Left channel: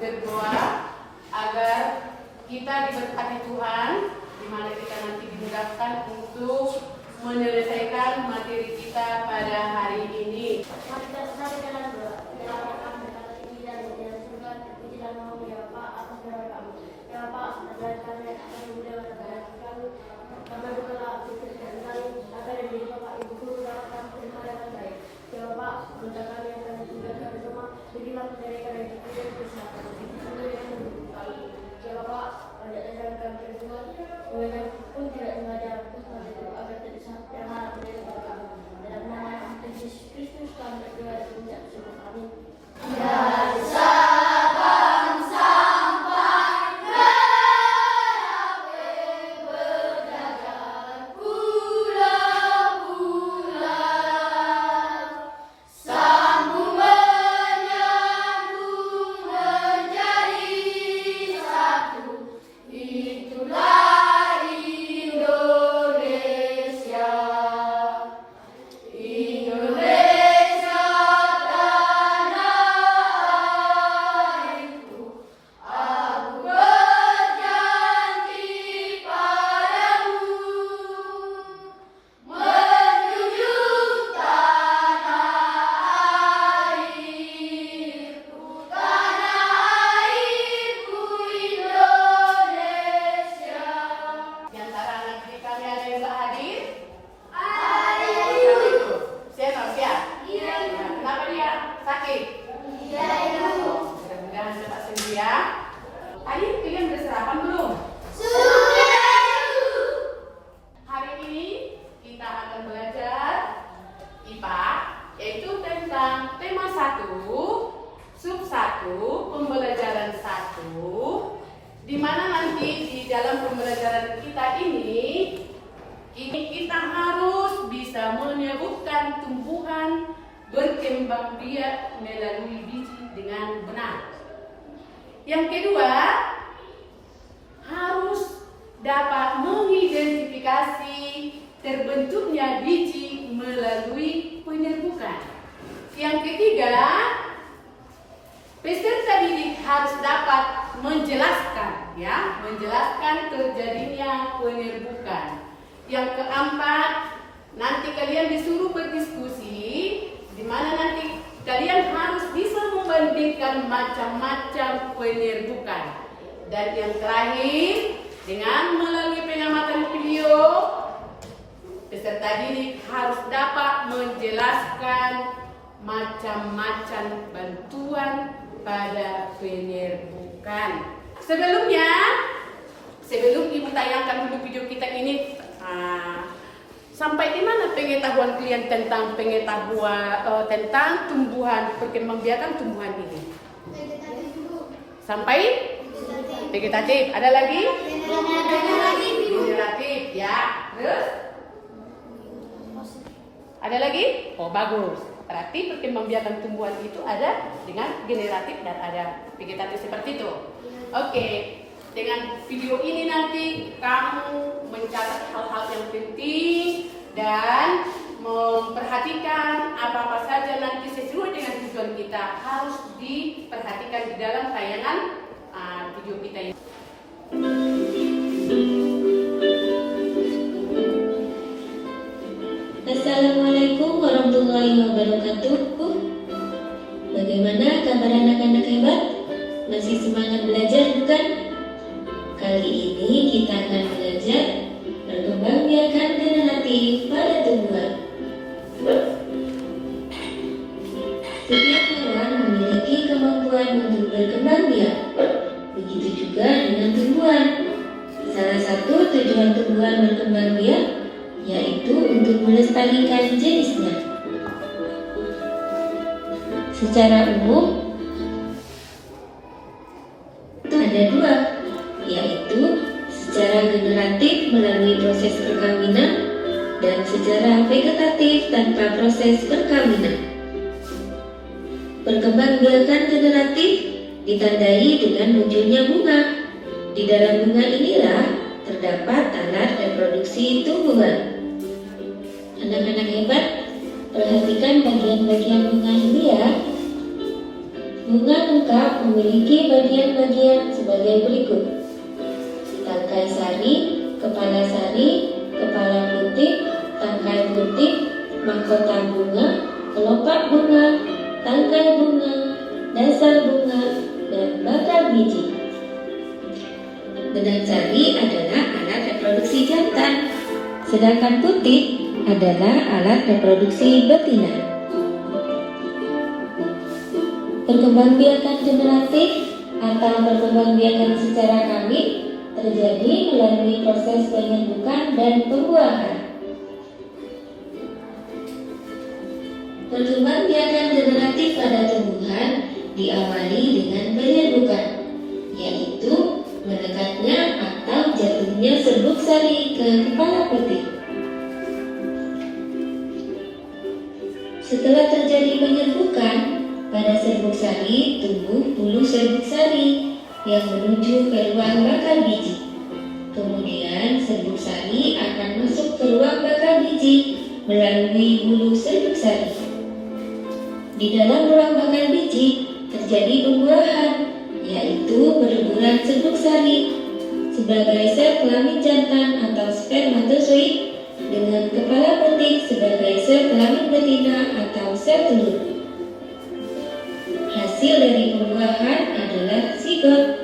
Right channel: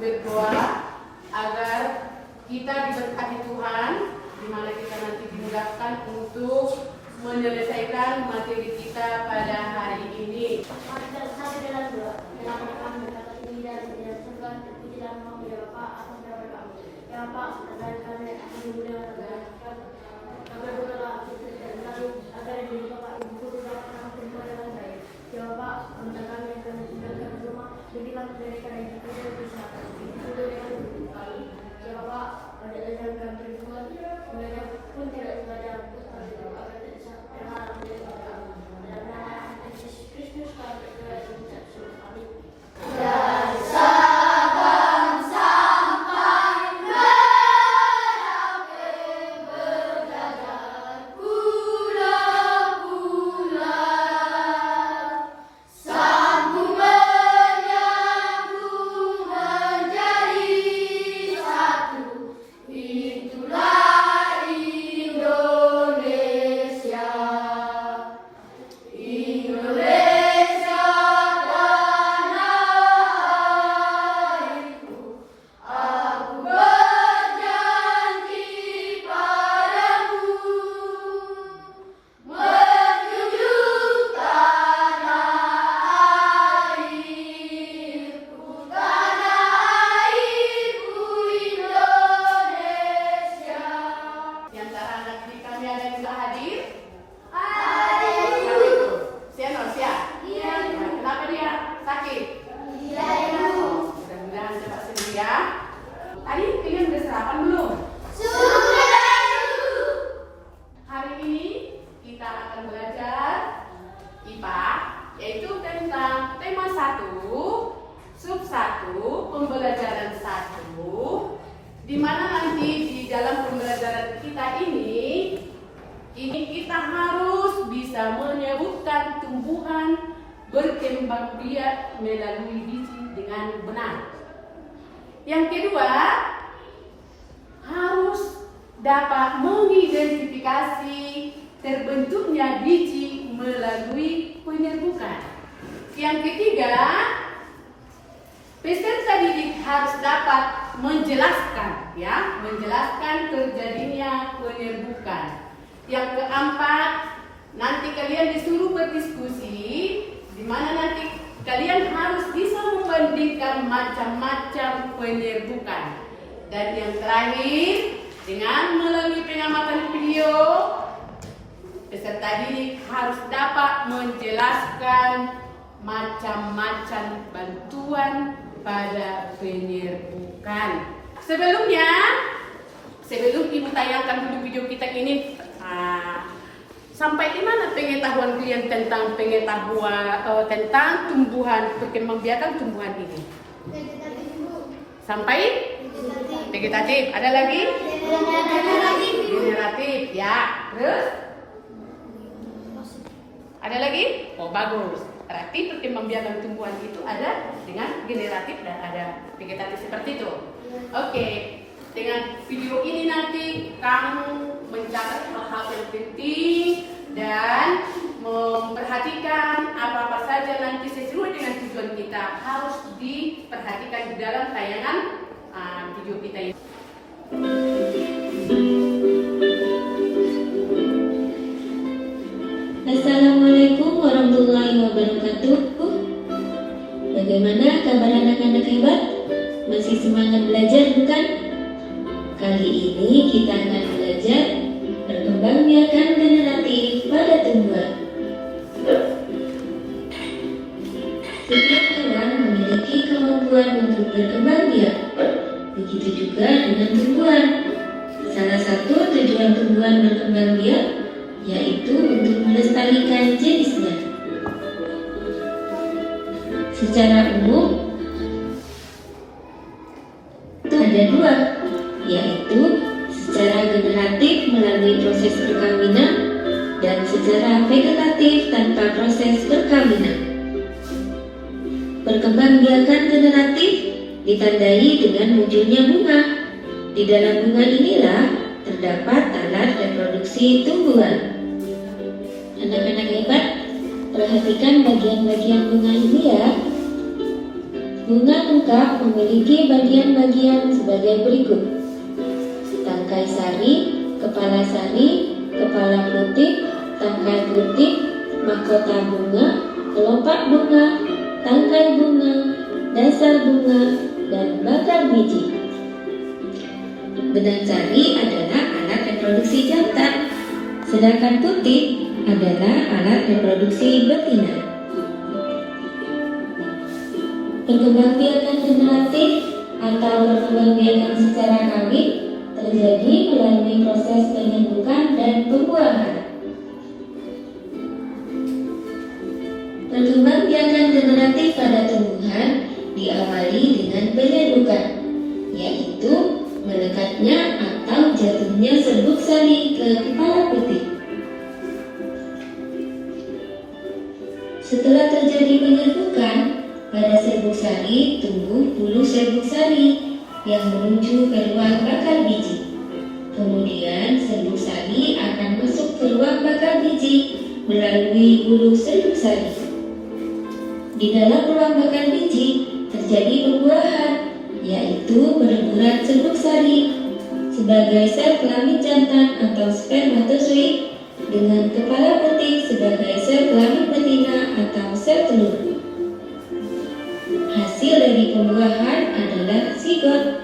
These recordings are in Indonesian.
berdoa agar kita diberkati Tuhan, di mana kita nanti dimudahkan untuk menyelesaikan materi kita pada hari ini. Yaitu tentang tema 1, sub 1, pembelajaran 1, di mana nanti di dalam pembelajaran kita ini kita harus bisa menyebutkan tumbuhan berkembang biak melalui biji dengan benar. Yang kedua, harus dapat mengidentifikasi terbentuknya biji melalui penyerbukan. Yang ketiga, peserta didik harus dapat menjelaskan terjadinya penyerbukan. Yang keempat, nanti kalian disuruh berdiskusi, di mana nanti kalian harus bisa membandingkan macam-macam penyerbukan. Dan yang terakhir, dengan melalui pengamatan video, peserta didik harus dapat menjelaskan macam-macam bantuan pada penyerbukan. Sebelum Ibu tayangkan dulu video kita ini, sampai di mana pengetahuan kalian tentang tentang tumbuhan perkembangbiakan tumbuhan ini? Sampai vegetatif. Ada lagi? Generatif, ya. Terus? Ada lagi? Oh, bagus. Berarti perkembangbiakan tumbuhan itu ada dengan generatif dan ada vegetatif seperti itu. Oke. Dengan video ini nanti kamu mencatat hal-hal yang penting dan memperhatikan apa-apa saja nanti sesuai dengan tujuan kita harus diperhatikan di dalam tayangan video kita ini. Assalamualaikum warahmatullahi wabarakatuh. Bagaimana kabar anak-anak hebat? Masih semangat belajar bukan? Kali ini kita akan belajar perkembangbiakan generatif pada tumbuhan. Setiap hewan memiliki kemampuan untuk berkembang biak. Begitu juga dengan tumbuhan. Salah satu tujuan tumbuhan berkembang biak yaitu untuk melestarikan jenisnya. Secara umum itu ada dua, yaitu secara generatif melalui proses perkawinan dan secara vegetatif tanpa proses perkawinan. Perkembangbiakan generatif ditandai dengan munculnya bunga. Di dalam bunga inilah terdapat alat reproduksi tumbuhan. Anak-anak hebat, perhatikan bagian-bagian bunga ini ya. Bunga lengkap memiliki bagian-bagian sebagai berikut: tangkai sari, kepala putih, tangkai putih, mahkota bunga, kelopak bunga, tangkai bunga, dasar bunga, dan bakal biji. Benang sari adalah alat reproduksi jantan, sedangkan putih adalah alat reproduksi betina. Perkembangbiakan generatif atau perkembangbiakan secara kawin terjadi melalui proses penyembuhan dan pembuahan. Perkembangbiakan generatif pada tumbuhan diawali dengan penyerbukan, yaitu melekatnya atau jatuhnya serbuk sari ke kepala putih. Setelah terjadi penyerbukan, pada serbuk sari tumbuh bulu serbuk sari yang menuju ke ruang bakal biji. Kemudian serbuk sari akan masuk ke ruang bakal biji melalui bulu serbuk sari. Di dalam ruang bakal biji terjadi pembuahan, yaitu berleburan serbuk sari sebagai sel kelamin jantan atau spermatozoid dengan kepala putih sebagai sel kelamin betina atau sel telur. Hasil dari pembuahan adalah zigot.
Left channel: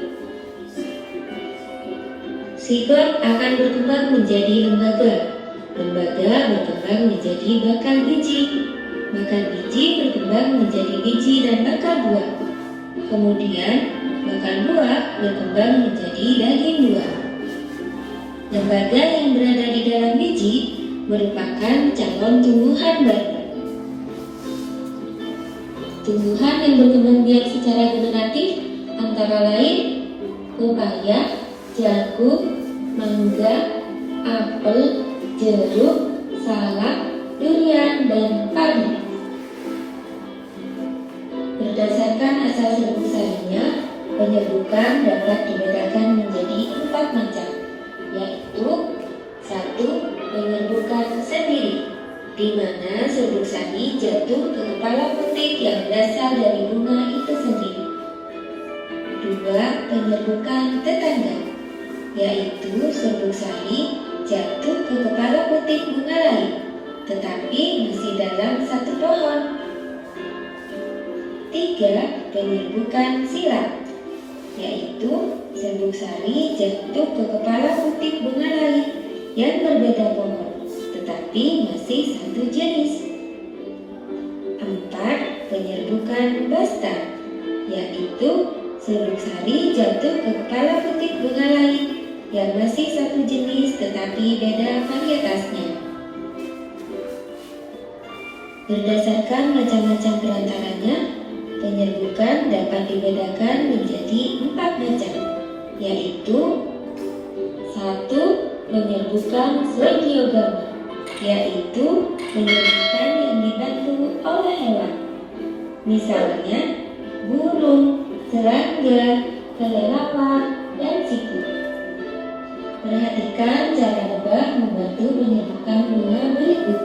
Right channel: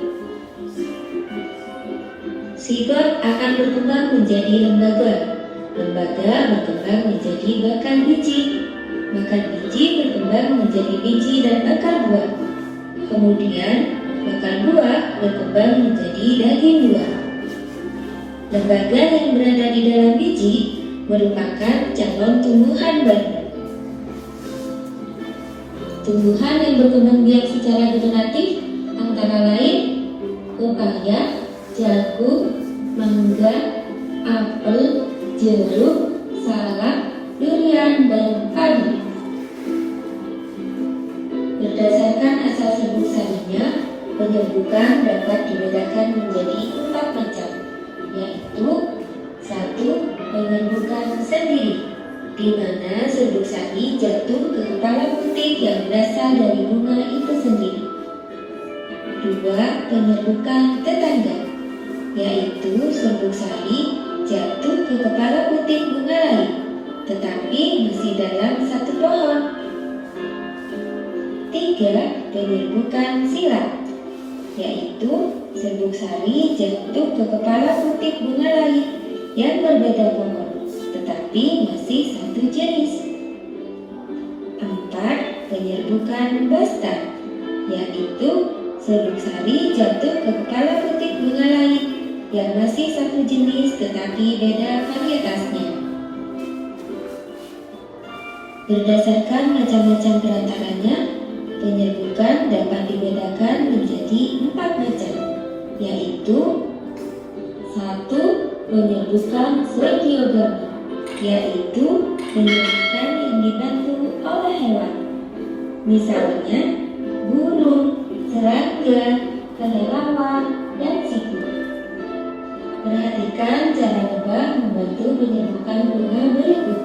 Zigot akan berkembang menjadi lembaga. Lembaga berkembang menjadi bakal biji. Bakal biji berkembang menjadi biji dan bakal buah. Kemudian bakal buah berkembang menjadi daging buah. Lembaga yang berada di dalam biji merupakan calon tumbuhan baru. Tumbuhan yang berkembang biak secara generatif antara lain pepaya, jagung, mangga, apel, jeruk, salak, durian, dan kaldu. Berdasarkan asal serbuk sarinya, penyerbukan dapat dibedakan menjadi 4 macam, yaitu 1. Penyerbukan sendiri, di mana serbuk sari jatuh ke kepala putih yang berasal dari bunga itu sendiri. 2. Penyerbukan tetangga, yaitu serbuk sari jatuh ke kepala putih bunga lain, tetapi masih dalam satu pohon. 3. Penyerbukan silang, yaitu serbuk sari jatuh ke kepala putih bunga lain yang berbeda pohon, tetapi masih satu jenis. 4. Penyerbukan basta, yaitu serbuk sari jatuh ke kepala putih bunga lain yang masih satu jenis tetapi beda varietasnya. Berdasarkan macam-macam perantaranya, penyerbukan dapat dibedakan menjadi 4 macam, yaitu 1. Penyerbukan slegiogaमी, yaitu penyerbukan yang dibantu oleh hewan, misalnya burung, serangga, kelelawar, dan siku. Perhatikan cara lebah membantu penyerbukan bunga berikut.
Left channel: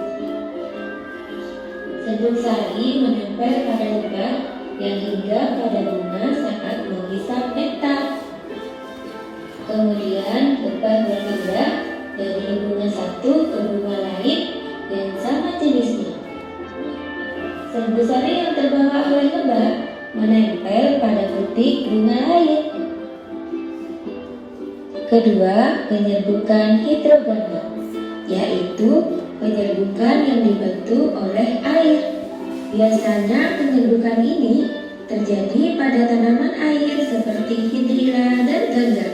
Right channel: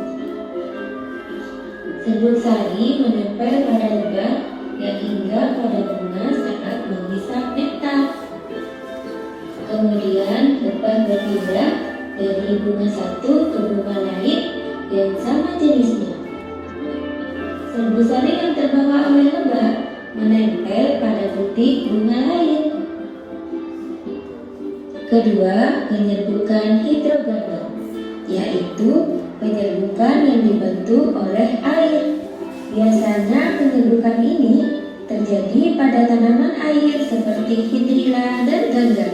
Serbuk sari menempel pada lebah yang hingga pada bunga saat menghisap nektar. Kemudian lebah berpindah dari bunga satu ke bunga lain yang sama jenisnya. Serbuk sari yang terbawa oleh lebah menempel pada butir bunga lain. Kedua, penyerbukan hidrogama, yaitu penyerbukan yang dibantu oleh air. Biasanya penyerbukan ini terjadi pada tanaman air seperti hidrilla dan gangga.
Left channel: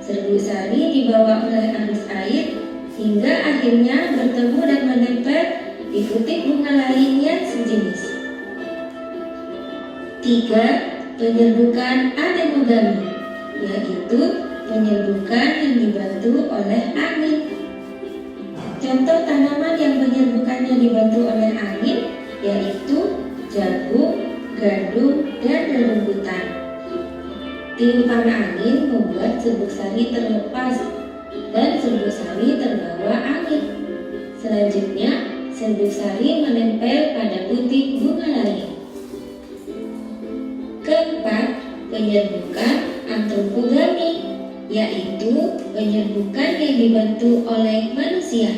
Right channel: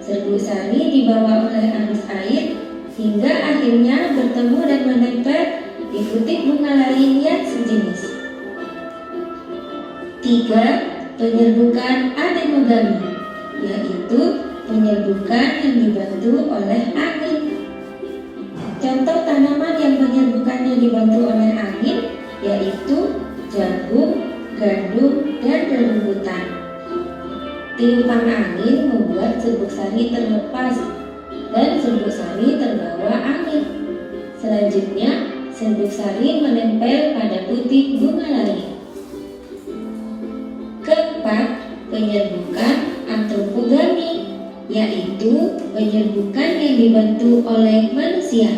Serbuk sari dibawa oleh arus air hingga akhirnya bertemu dan menempel di butir bunga lain yang sejenis. 3. Penyerbukan anemogami, yaitu penyerbukan yang dibantu oleh angin. Contoh tanaman yang penyerbukannya dibantu oleh angin yaitu jagung, gandum, dan rumbutan. Tiupan angin membuat serbuk sari terlepas dan serbuk sari terbawa angin. Selanjutnya, serbuk sari menempel pada butir bunga lain. penyerbukan antropogami, yaitu penyerbukan yang dibantu oleh manusia.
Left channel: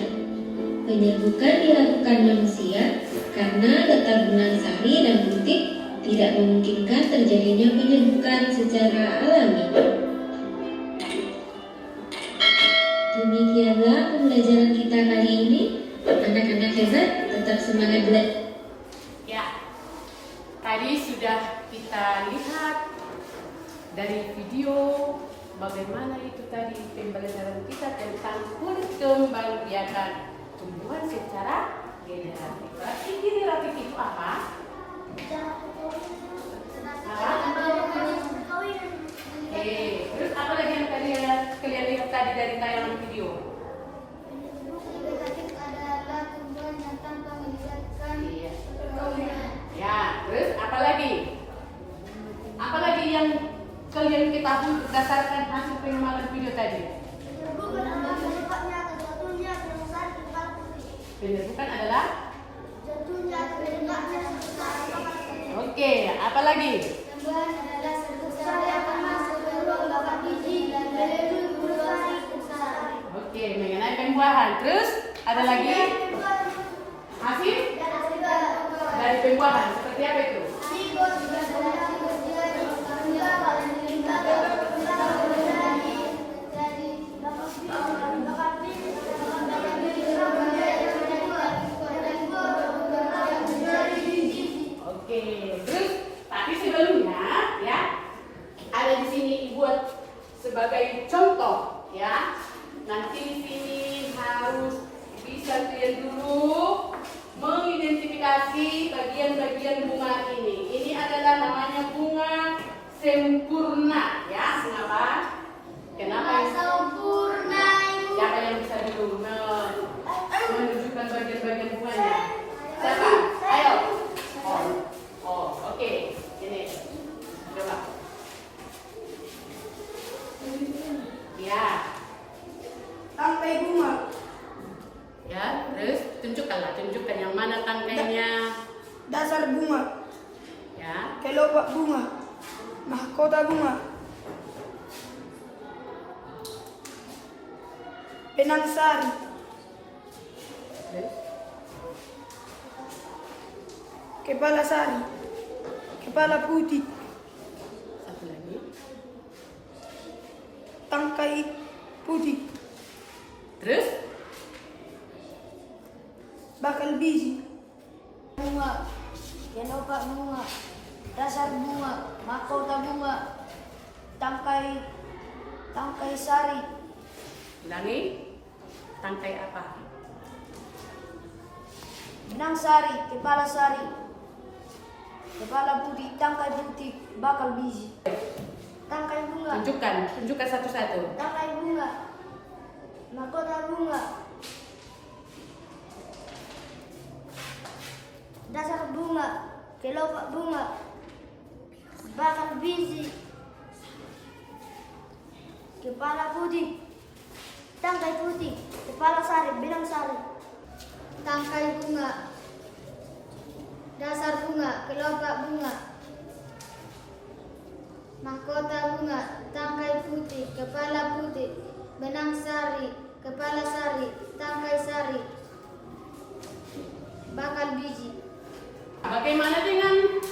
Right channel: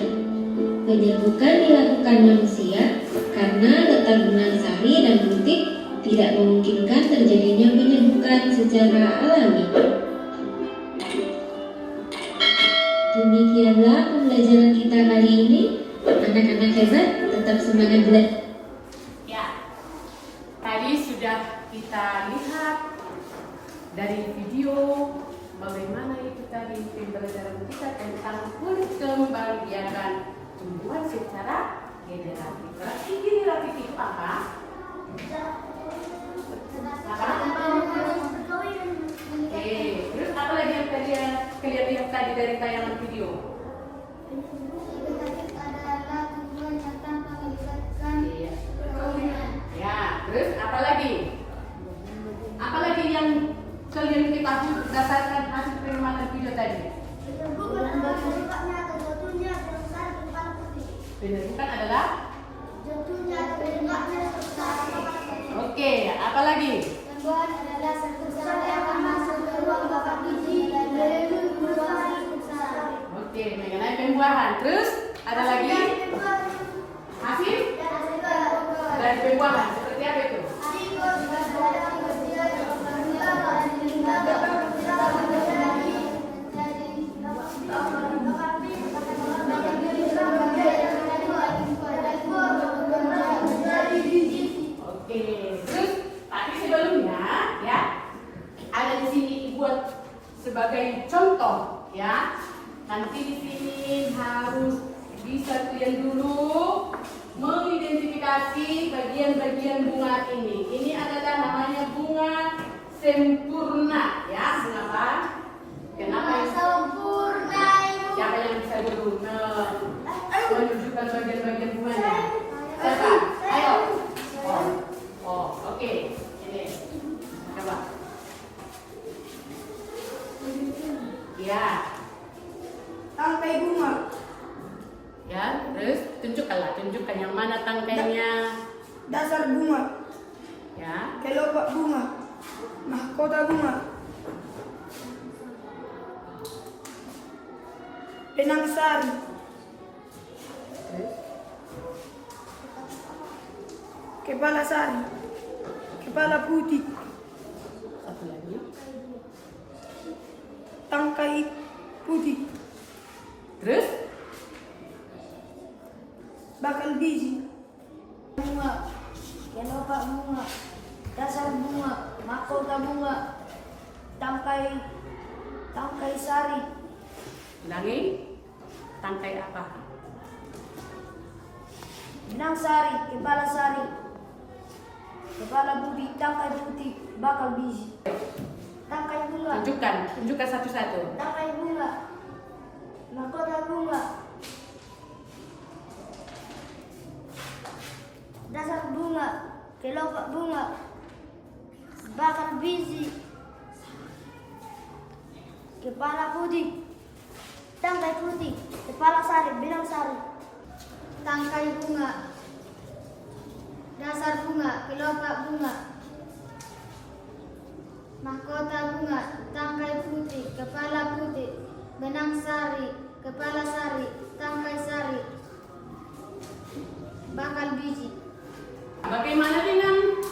Penyerbukan dilakukan manusia karena letak benang sari dan butik tidak memungkinkan terjadinya penyerbukan secara alami. Demikianlah pembelajaran kita kali ini. Anak-anak hebat, tetap semangat belajar. Ya, tadi sudah kita lihat dari video bagaimana itu tadi pembelajaran kita tentang perkembangbiakan tumbuhan secara generatif. Berarti generatif itu apa? Terus apa lagi yang tadi kalian lihat tadi dari tayangan video? Iya. Ya, terus apa lagi? Apa lagi yang kalian ketahui berdasarkan hasil pengembangan video tadi? Penyerbukan adalah? Oke, apa lagi? Oke, mengenai pembuahan. Terus ada lagi? Hasil dari pembuahan. Seperti apa itu? Oke, terus tapi sebelumnya ya ada di sini buat sebagai contoh ya. Nanti di sini harus bisa kalian dulu mengidentifikasi bagian-bagian bunga ini. Ini adalah namanya bunga sempurna ya. Kenapa? Kenapa? Sempurna. Siapa yang bisa dulu menunjukkan bagian-bagian bunganya? Siapa? Ayo. Oke. Ini. Coba. Ya. Tangkai bunga. Ya, terus tunjukkan yang mana tangkainya. Dasar bunga. Ya. Kelopak bunga. Mahkota bunga. Benang sari. Terus. Kepala sari. Kepala putih. Satu lagi. Tangkai putih. Terus. Bakal biji. Bunga, kelopak bunga, dasar bunga, mahkota bunga, tangkai sari, Ulangi. Tangkai apa? benang sari, kepala putih, tangkai putih, bakal biji. Tangkai bunga, Tunjukkan satu-satu. tangkai bunga, mahkota bunga, dasar bunga, kelopak bunga, bakal biji, kepala putih, tangkai putih, kepala sari, benang sari, tangkai bunga, dasar bunga, kelopak bunga, mahkota bunga, tangkai putih, kepala putih, benang sari, kepala sari, tangkai sari, bakal biji. Bagaimana dengan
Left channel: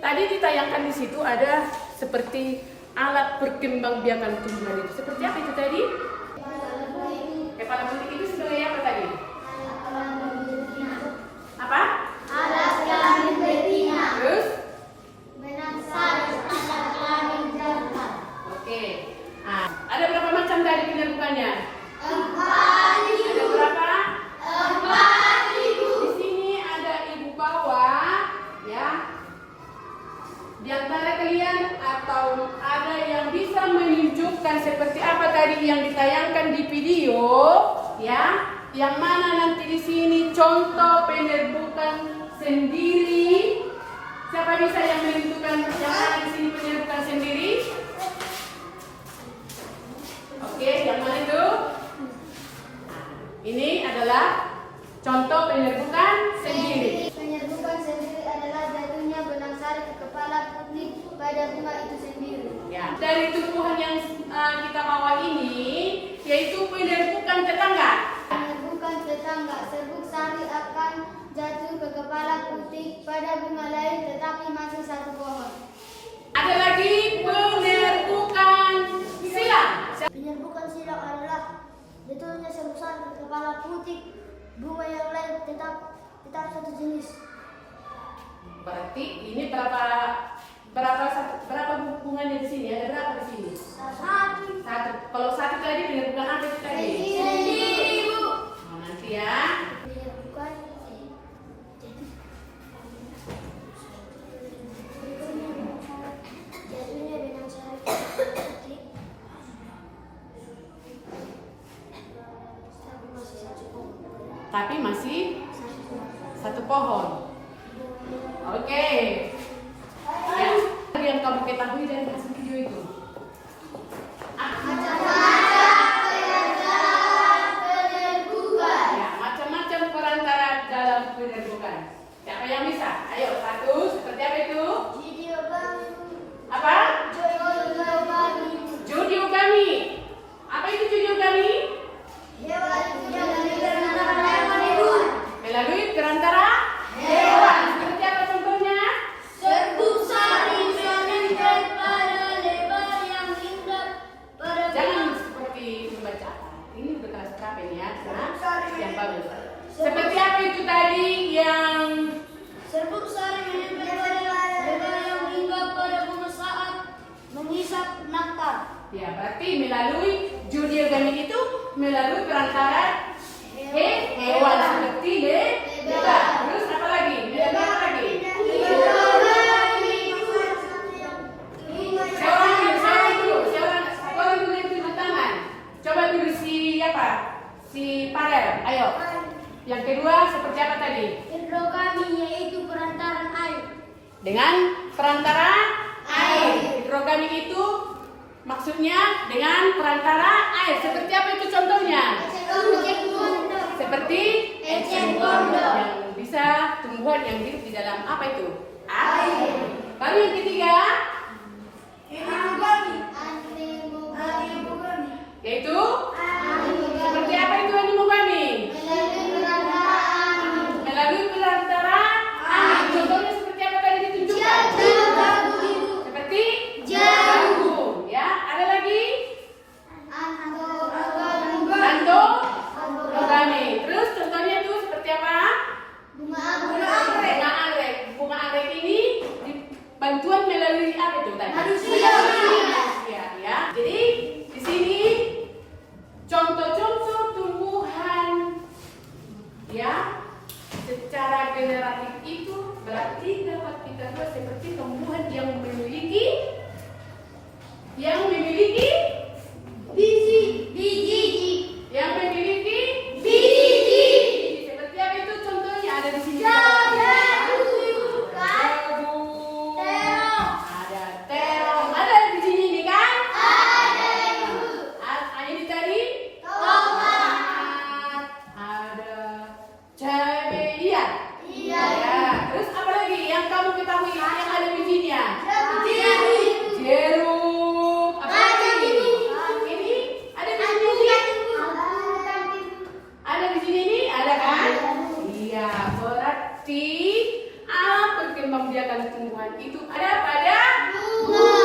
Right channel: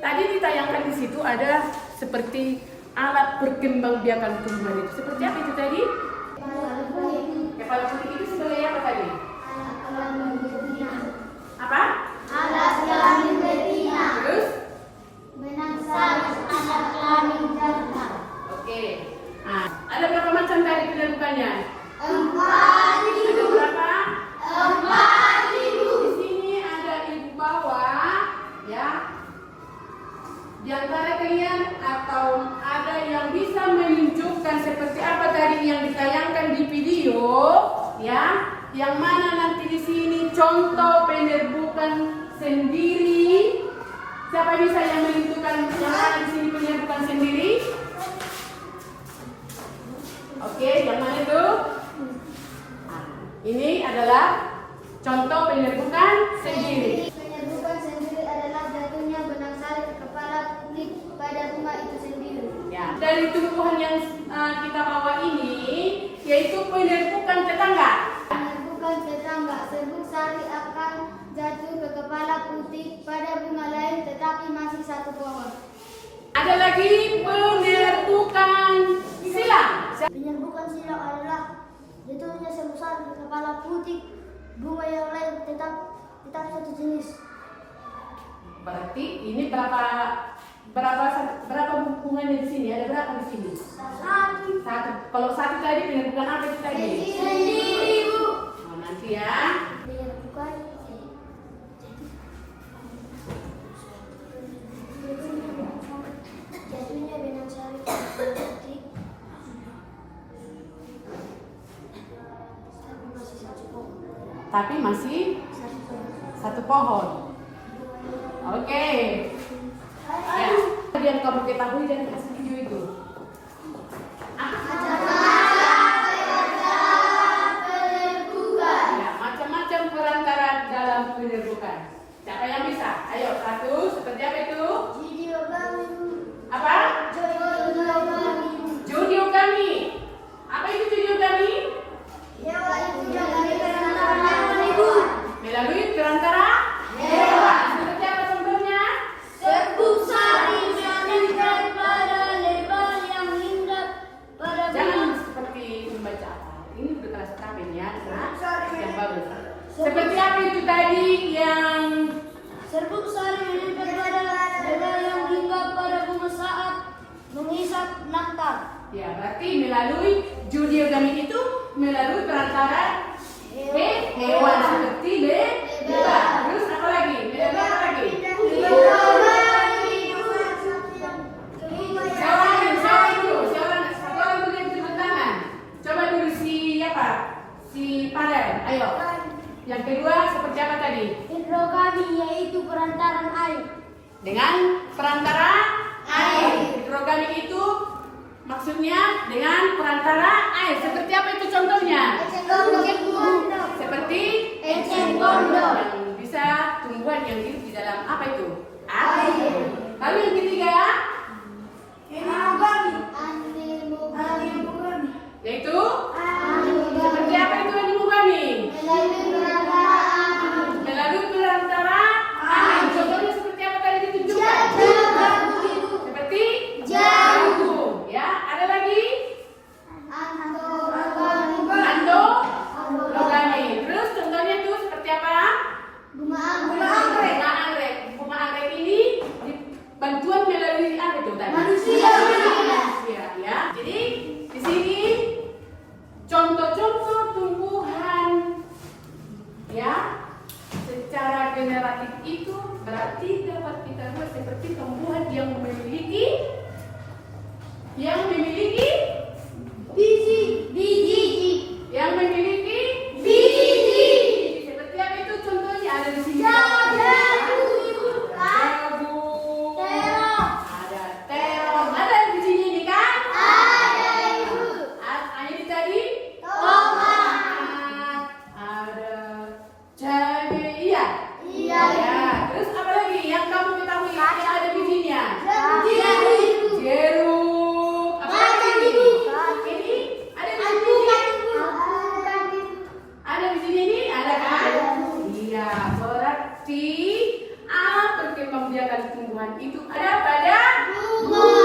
tadi ditayangkan di situ ada seperti alat perkembangbiakan tumbuhan itu. Seperti apa itu tadi? Kepala putih itu sebagai apa tadi? Apa? Alat kelamin betina, Terus? benang sari, alat kelamin jantan. Oke. Nah, ada berapa macam tadi penyerbukannya? 4.000. Ada berapa? 4.000. Di sini ada ibu bawa, ya. Di antara kalian atau ada yang bisa menunjukkan seperti apa tadi yang ditayangkan di video, ya? Yang mana nanti di sini contoh penyerbukan sendiri. Siapa bisa yang menentukan yang mana di sini penyerbukan sendiri? Oke, yang mana itu? Nah, ini adalah contoh penyerbukan sendiri. Penyerbukan sendiri adalah jatuhnya benang sari ke kepala putik pada bunga itu sendiri. Ya. Dari tumbuhan yang kita bawa ini, yaitu penerbukan tetangga. Bukan tetangga, serbuk sari akan jatuh ke kepala putik pada bunga lain tetapi masih satu pohon. Ada lagi penerbukan silang. Penyerbukan silang adalah jatuhnya serbuk sari ke kepala putik bunga yang lain tetap satu jenis. Berarti ini berapa bunganya di sini? Ada berapa di sini? Satu. Kalau satu tadi penerbukan apa itu tadi? Oh, nanti ya. Penyerbukan jatuhnya benang sari ke kepala putik tapi masih satu pohon. Tapi masih satu pohon. Oke. Ya. Yang kamu ketahui dari hasil video itu. Ya, macam-macam perantara dalam penerbukan. Siapa yang bisa? Ayo, satu. Seperti apa itu? Apa? Judiogami. Apa itu judiogami? Melalui perantara hewan. Seperti apa contohnya? Jangan seperti membaca apa. Ini udah kelas berapa ini ya? Nah, yang bagus. Seperti apa itu tadi yang Serbuk sari menempel pada lebar yang hinggap pada bunga saat menghisap nektar. ya berarti melalui judiogami itu melalui perantara hewan seperti lebah. Terus apa lagi? Melalui apa lagi? Siapa dulu yang turun tangan? Coba dulu si apa? Si Padel. Ayo. Yang kedua seperti apa tadi? Hidrogami yaitu perantaran air. Dengan perantara air. Hidrogami itu maksudnya dengan perantara air. Seperti apa itu contohnya? Seperti eceng gondok. yang bisa tumbuhan yang hidup di dalam apa itu? Air. Lalu yang ketiga yaitu seperti apa itu animogami? Melalui perantara air. Contohnya seperti apa tadi ditunjukkan? Seperti jagung. Ya, ada lagi? Andorogami. Terus contohnya itu seperti apa? Bunga anggrek. Bunga anggrek ini bantuan melalui apa itu tadi? Manusia. Ya. Jadi di sini contoh-contoh tumbuhan ya secara generatif itu berarti dapat kita buat seperti tumbuhan yang memiliki biji. yang memiliki Biji. seperti apa itu contohnya ada di sini Jagung. ada terong ada di sini ini kan ada di tadi ada cabai iya ya terus apa lagi yang kamu ketahui yang ada bijinya jeruk apa lagi ini ada di sini ada di sini ini ada kan iya berarti alat perkembangbiakan tumbuhan itu ada pada bunga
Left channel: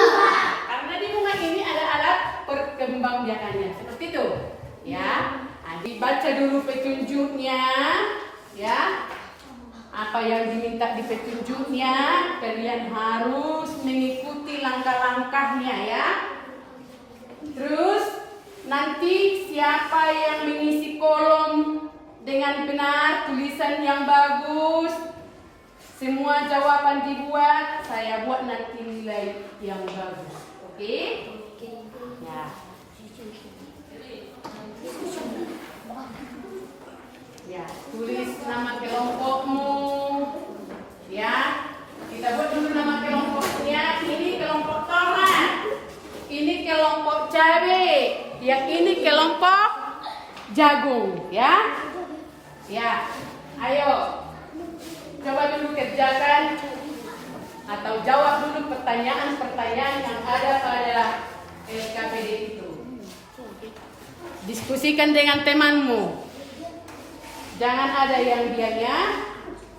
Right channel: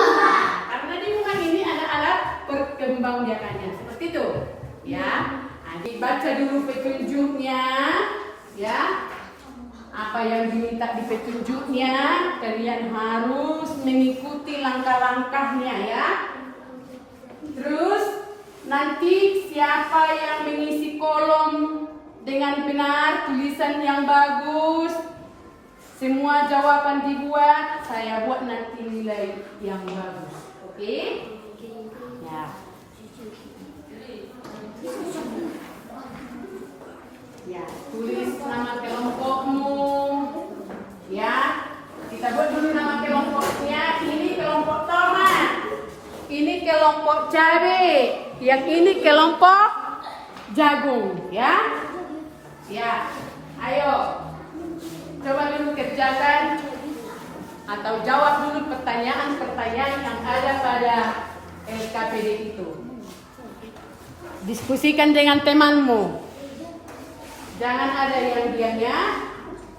karena di bunga ini ada alat perkembangbiakannya seperti itu ya. Nah, dibaca dulu petunjuknya ya. Apa yang diminta di petunjuknya, kalian harus mengikuti langkah-langkahnya ya. Terus nanti siapa yang mengisi kolom dengan benar, tulisan yang bagus, semua jawaban dibuat, saya buat nanti nilai yang bagus. Oke? Ya. Ya, tulis nama kelompokmu. Ya, kita buat dulu nama kelompoknya. Ini kelompok tomat. Ini kelompok cabai. Yang ini kelompok jagung. Ya, ya. Ayo, coba dulu kerjakan Atau jawab dulu pertanyaan-pertanyaan yang ada pada SKPD itu. Diskusikan dengan temanmu. Jangan ada yang diamnya,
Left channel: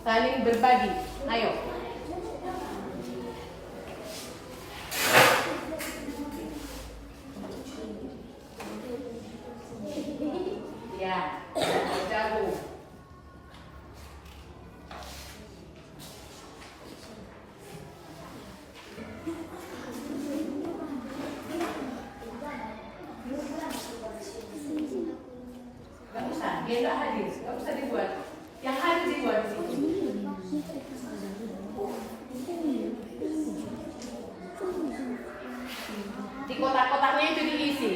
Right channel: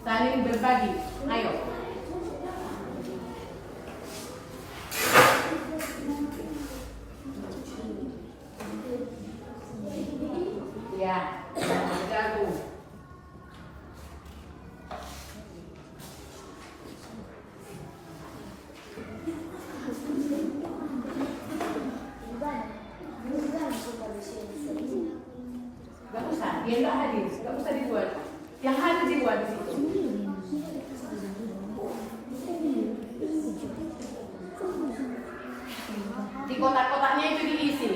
saling berbagi. Ayo. Ya, jago. Gak usah, dia nggak hadir, gak usah dibuat. Yang hadir dibuat di situ. Di kotak-kotaknya itu diisi.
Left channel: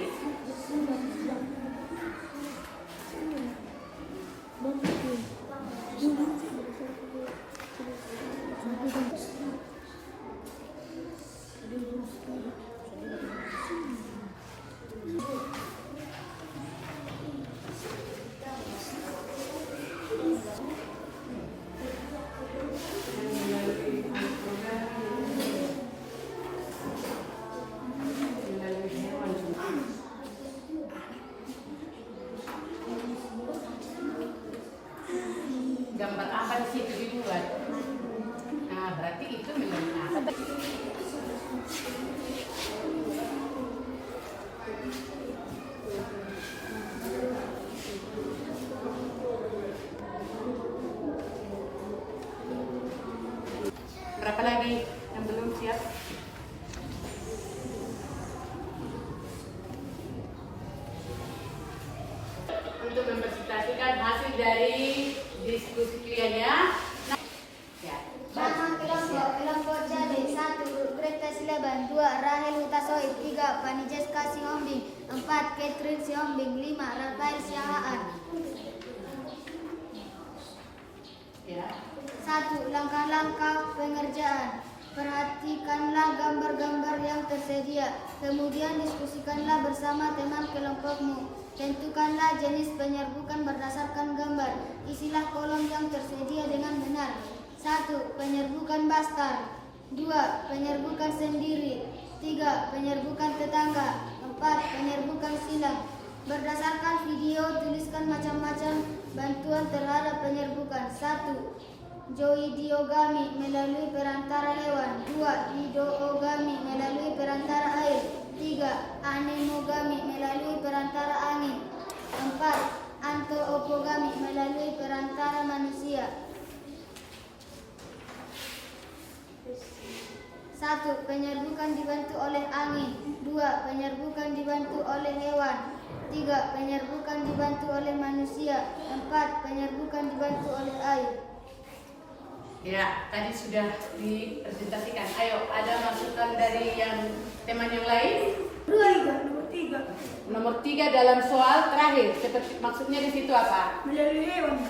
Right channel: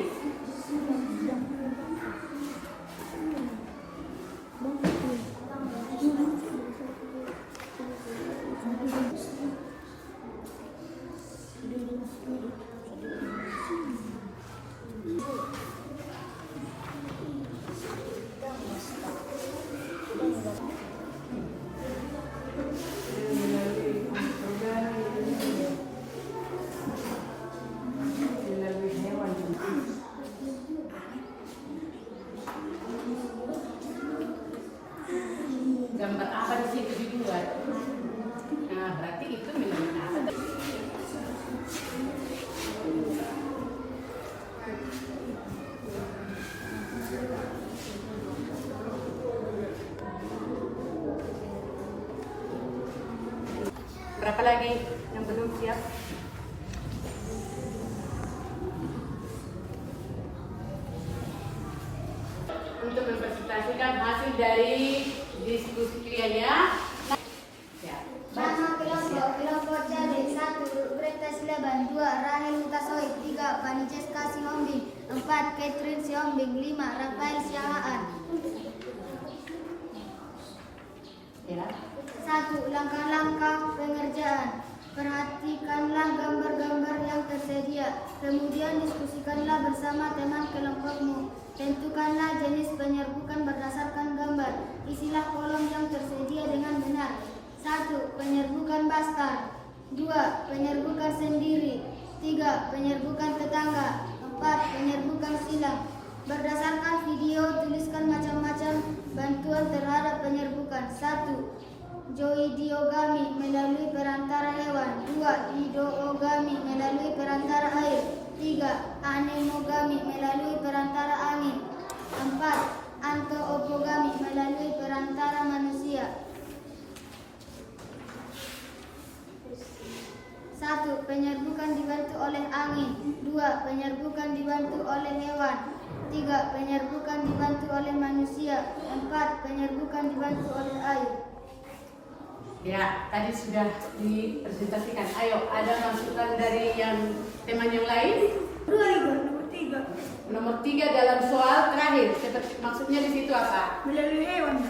Gambar apa di situ dibuat? Nah, berarti itu melalui apa? Berapa lagi yang belum siap? Untuk mempresentasikan hasil dari diskusi kaliannya. Ya. Nama kelompok jadi 1. Greta Sleban, 2. Rahel Hutasoi, 3. Panijeska Sihombing, 4. Catherine Sihombing, 5. Rafael Siahaan. Ya. 1. Langkah-langkah pengerjaan. Perhatikanlah gambar-gambar yang tersedia. Kemudian diskusikanlah bersama teman kelompokmu. Tentukanlah jenis penyerbukan berdasarkan gambar. Isilah kolom yang tersedia dengan benar. 1. Penyerbukan bastar. 2. Penyerbukan sendiri. 3. Penyerbukan tetangga. 4. Penyerbukan silang. Berdasarkan video, tuliskan macam-macam bantuan terhadap penyerbukan. 1. Zoidiogami melalui perantara hewan. 2. Hidroogami melalui perantara air. 3. Anemogami melalui perantara angin. 4. Antoopogami melalui perantara manusia. 1. Penyerbukan dibantu oleh angin. 2. Penyerbukan dibantu oleh hewan. 3. Penyerbukan dibantu oleh manusia. 4. Penyerbukan dibantu oleh air. Ya, tadi sudah dipresentasikan. Ayo, ada masukan dari yang teman yang lain? Nomor 3. Nomor 3 dalam soal terakhir. Maksudnya di situ apa? Melalui hewan.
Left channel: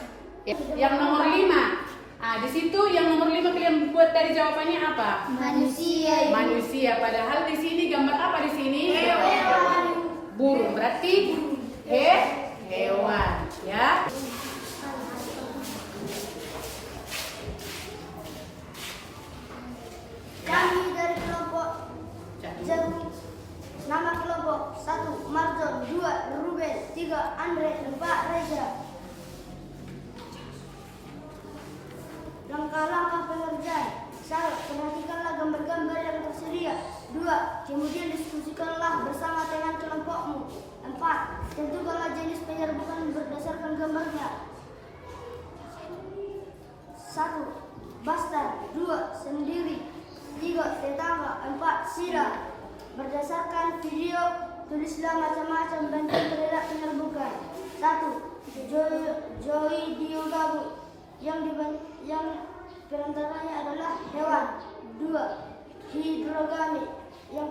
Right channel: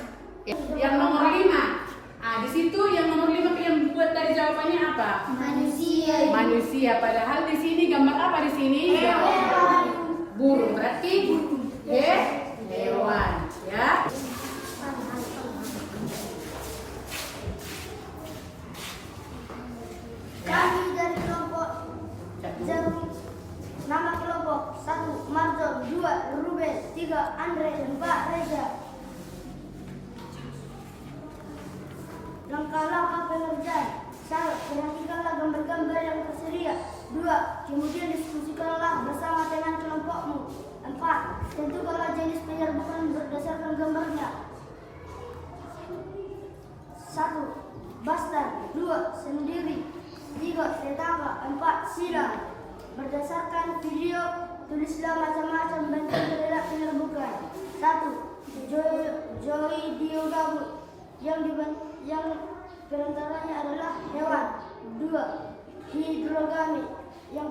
Yang nomor 5. Ah, di situ yang nomor 5 kalian buat dari jawabannya apa? Manusia. Manusia. Padahal di sini gambar apa di sini? Hewan. Burung. Berarti hewan. Ya. Kami dari kelompok Jarum. Nama kelompok 1. Marjon, 2. Ruben, 3. Andre, 4. Reza. Langkah-langkah pengerjaan. 1. Perhatikanlah gambar-gambar yang tersedia. 2. Kemudian diskusikanlah bersama teman kelompokmu. 4. Tentukanlah jenis penyerbukan berdasarkan gambarnya. 1. Bastar. 2. Sendiri. 3. Tetangga. 4. Silang. Berdasarkan video, tulislah macam-macam bantuan terhadap penyerbukan. 1. Zoidiogamu yang perantaranya adalah hewan. 2. Hidrogami yang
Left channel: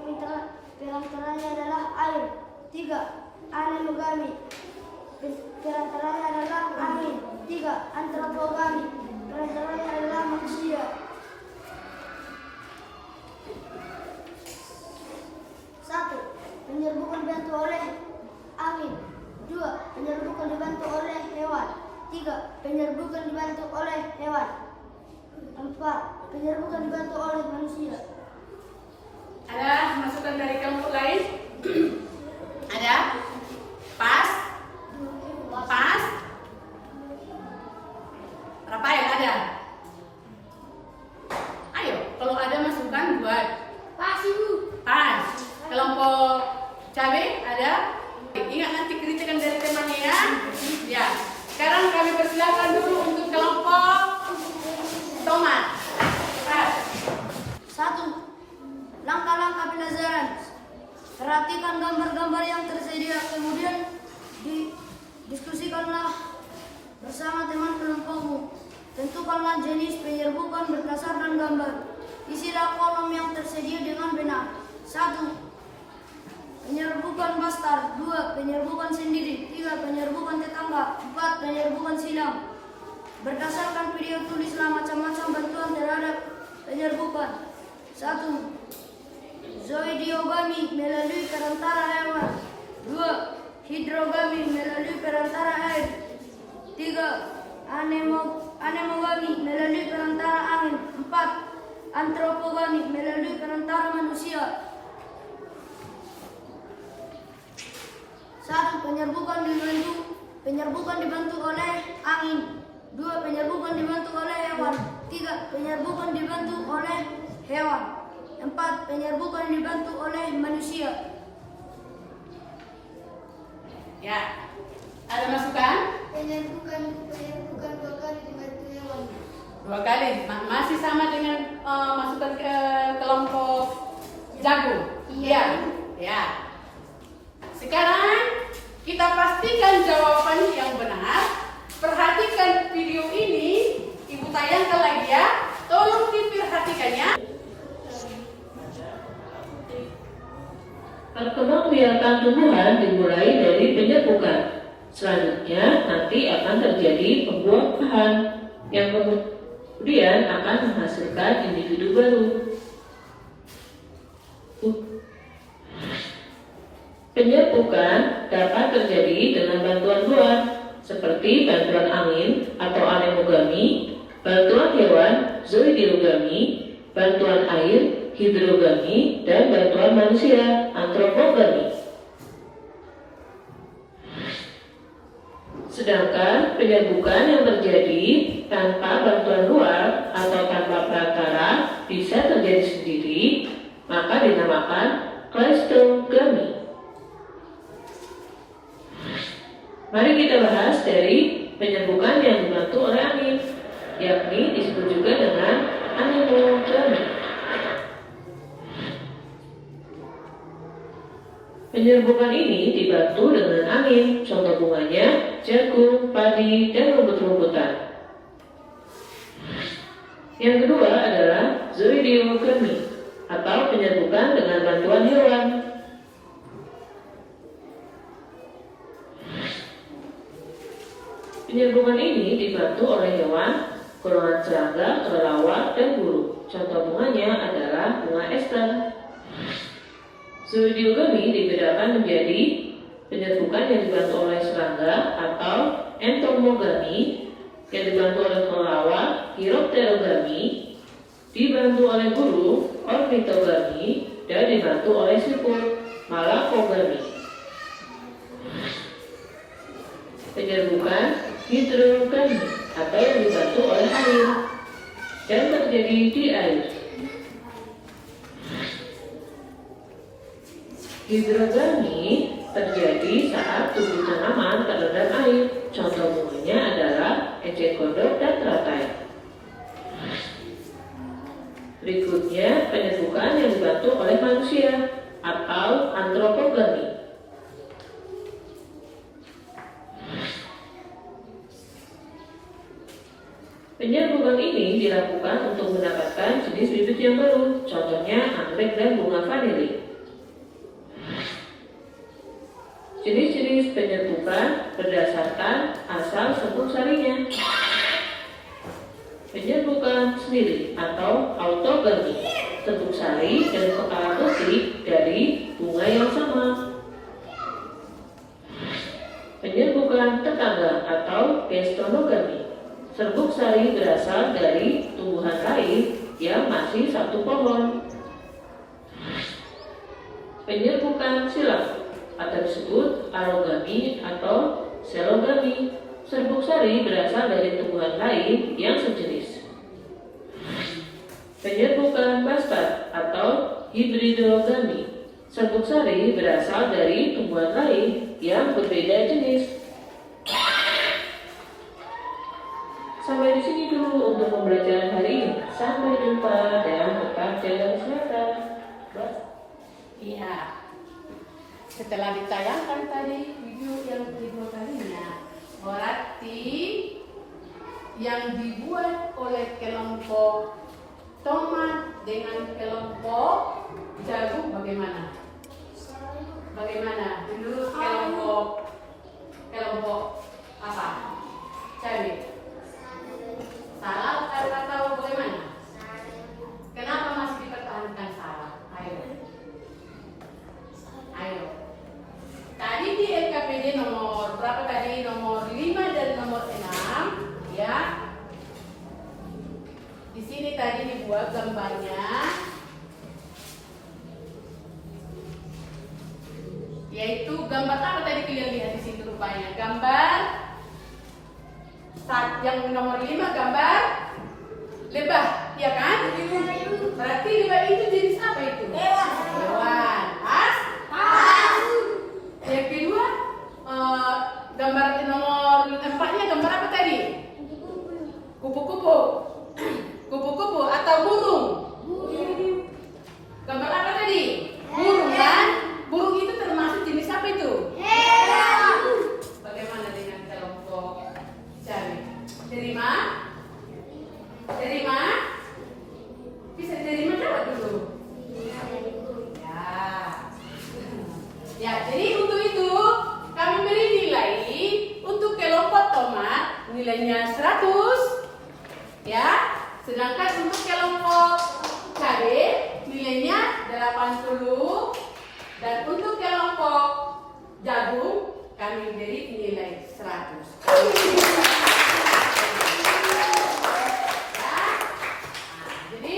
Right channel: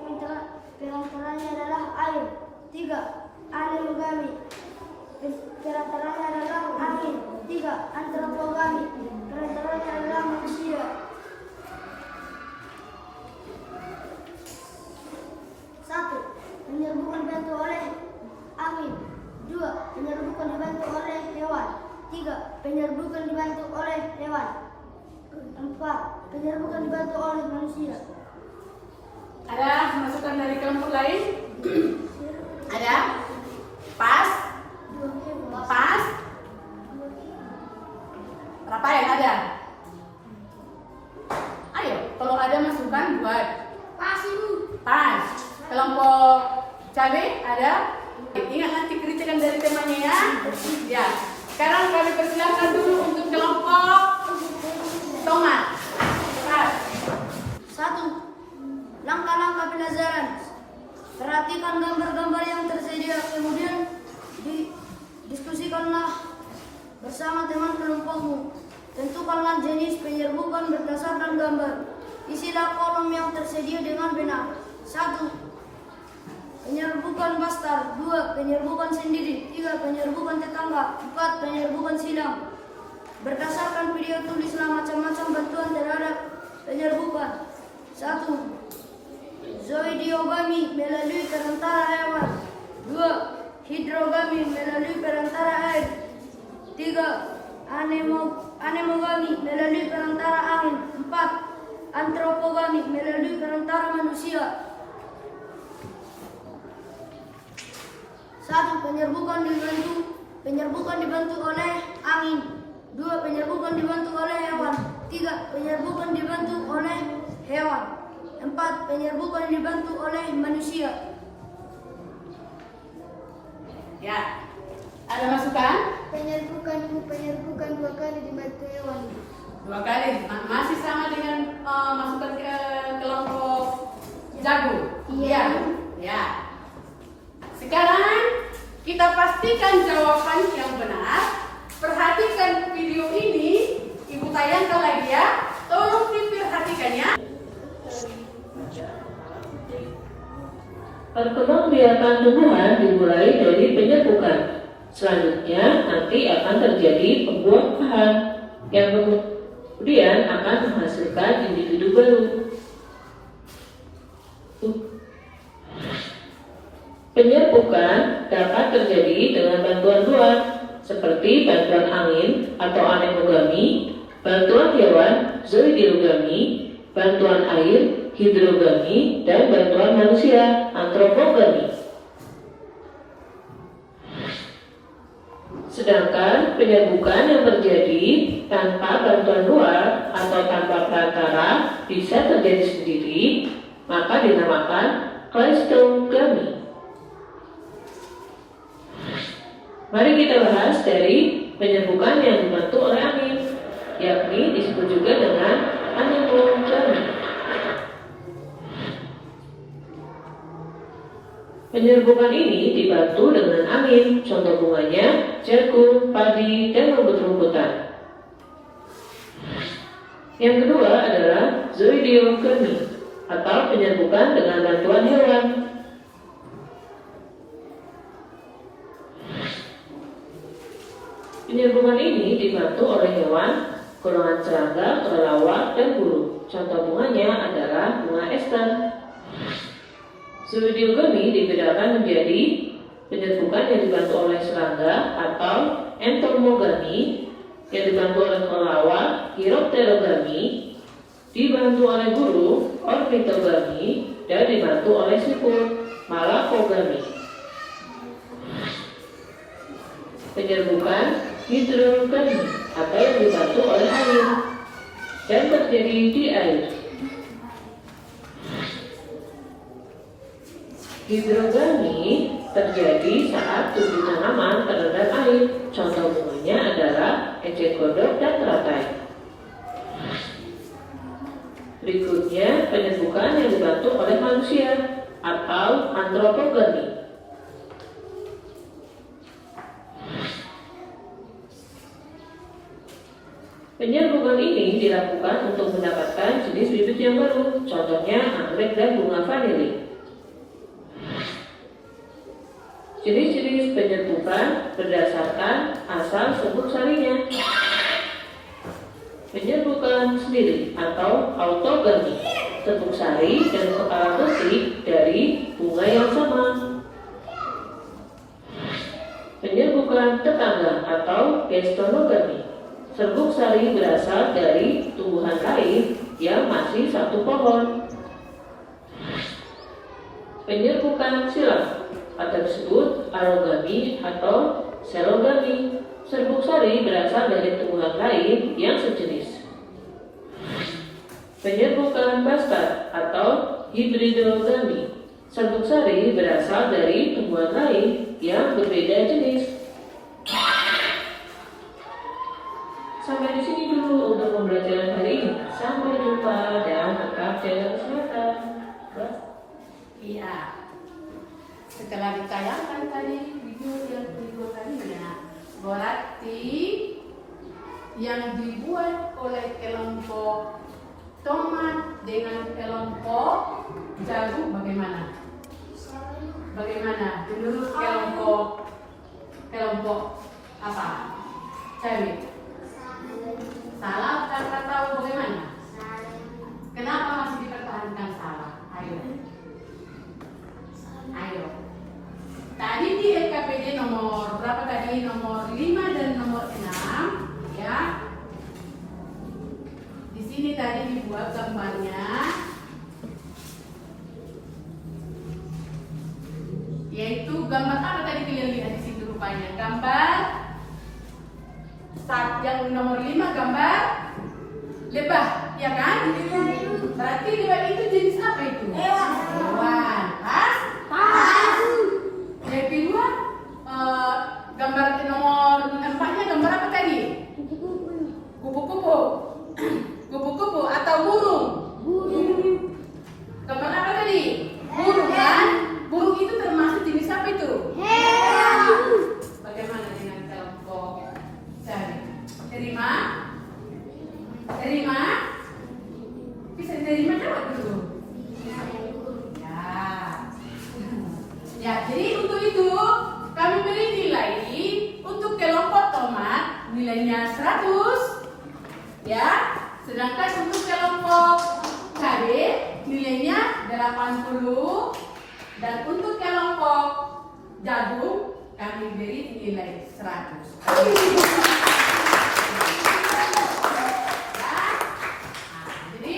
perantaranya adalah air. 3. Anemogami perantaranya adalah angin. 3. Antropogami perantaranya adalah manusia. 1. Penyerbukan dibantu oleh angin. 2. Penyerbukan dibantu oleh hewan. 3. Penyerbukan dibantu oleh hewan. 4. Penyerbukan dibantu oleh manusia. Ada masukan dari kelompok lain? Ada? Pas? Pas? Rafael ada? Ayo, kalau ada masukan buat. Pas itu. Pas. Kelompok cabai ada? Ingat nanti kritikan dari temanya ya. Ya. Sekarang kami persilakan dulu untuk kelompok tomat. Pas. 1. Langkah-langkah pelajaran. Perhatikan gambar-gambar yang tersedia, kemudian diskusikanlah bersama teman kelompokmu. Tentukanlah jenis penyerbukan berdasarkan gambar. Isilah kolom yang tersedia dengan benar. 1. Penyerbukan bastar. 2. Penyerbukan sendiri. 3. Penyerbukan tetangga. 4. Penyerbukan silang. Berdasarkan video tulislah macam-macam bantuan terhadap penyerbukan. 1. Zoidiogami melalui perantara hewan. 2. Hidrogami melalui perantara air. 3. Anemogami melalui perantara angin. 4. Antropogami melalui perantara manusia. 1. Penyerbukan dibantu oleh angin. 2. Penyerbukan dibantu oleh hewan. 3. Penyerbukan dibantu oleh hewan. 4. Penyerbukan dibantu oleh manusia. Ya. Ada masukan? Penyerbukan 2 kali dibantu hewan. 2 kali. Masih sama dengan masukan ke kelompok jago. Iya. Ya. Sekarang kita pastikan jawaban yang benar. Perhatikan video ini, Ibu tayangkan lagi ya. Tolong diperhatikannya. Perkembangbiakan tumbuhan dimulai dari penyerbukan. Selanjutnya nanti akan terjadi pembuahan yang kemudian akan menghasilkan individu baru. Penyerbukan dapat terjadi dengan bantuan luar seperti bantuan angin atau anemogami, bantuan hewan zoidiogami, bantuan air hidrogami, dan bantuan manusia antropogami. Sedangkan penyerbukan yang terjadi tanpa bantuan luar atau tanpa perantara bisa terjadi sendiri, maka dinamakan kleistogami. Mari kita bahas dari penyerbukan yang dibantu oleh angin, yakni disebut juga dengan anemogami. Penyerbukan ini dibantu dengan angin, contoh bunganya jagung, padi, dan rumput-rumputan. Yang kedua adalah zoidiogami atau penyerbukan dengan bantuan hewan. Penyerbukan ini dibantu oleh hewan, golongan serangga, kelelawar, dan burung. Contoh bunganya adalah bunga ester. Zoidiogami dibedakan menjadi penyerbukan yang dibantu oleh serangga atau entomogami, yang dibantu oleh kelelawar, chiropterogami, dibantu oleh burung, ornitogami, dan dibantu oleh siput, malakogami. Penyerbukan hidrogami atau yang dibantu oleh air dan terjadi di air. Hidrogami terjadi saat tumbuh tanaman terendam air. Contoh bunganya adalah eceng gondok dan teratai. Berikutnya penyerbukan yang dibantu oleh manusia atau antropogami. Penyerbukan ini dilakukan untuk mendapatkan jenis bibit yang baru, contohnya anggrek dan bunga vanili. Jenis-jenis penyerbukan berdasarkan asal sebut sarinya. Penyerbukan sendiri atau autogami, tepung sari dan kepala putih dari bunga yang sama. Penyerbukan tetangga atau gestonogami, Serbuk sari berasal dari tumbuhan lain yang masih satu pohon. Penyerbukan silang atau disebut arogami atau selogami. Serbuk sari berasal dari tumbuhan lain yang sejenis. Penyerbukan bastard atau hibridogami. Serbuk sari berasal dari tumbuhan lain yang berbeda jenis. Sampai di sini dulu untuk pembelajaran hari ini. Sampai jumpa dan tetap jaga kesehatan. Iya. Setelah ditayangkan tadi video yang kedua kalinya, berarti yang dibuat oleh kelompok tomat dengan kelompok jagung bagaimana? Bagaimana menurut kelompok apa? Cari. Salah atau bagaimana? Kenapa masih dipertahankan salah? Ayo. Tadi di LKPD nomor berapa tadi? Nomor 5 dan nomor 6, ya. Di sini tadi dibuat gambarnya, yaitu gambar apa tadi kalian lihat di situ rupanya? Gambar saat yang nomor 5 gambar lebah, ya kan? Berarti lebah itu jenis apa itu? Hewan. Yang kedua, gambar nomor 4-nya gambar apa tadi? Kupu-kupu. Kupu-kupu atau burung? Gambar apa tadi? Burung kan? Burung itu termasuk jenis apa itu? Bagaimana dengan kelompok cari? Terima? Terima? Bisa terima jawab dulu. Ya, jadi untuk itu kami beri nilai untuk kelompok tomat nilainya 100, ya. Sedangkan untuk kelompok cabai nilainya 80 dan untuk kelompok jagung kami beri nilai 100. Jadi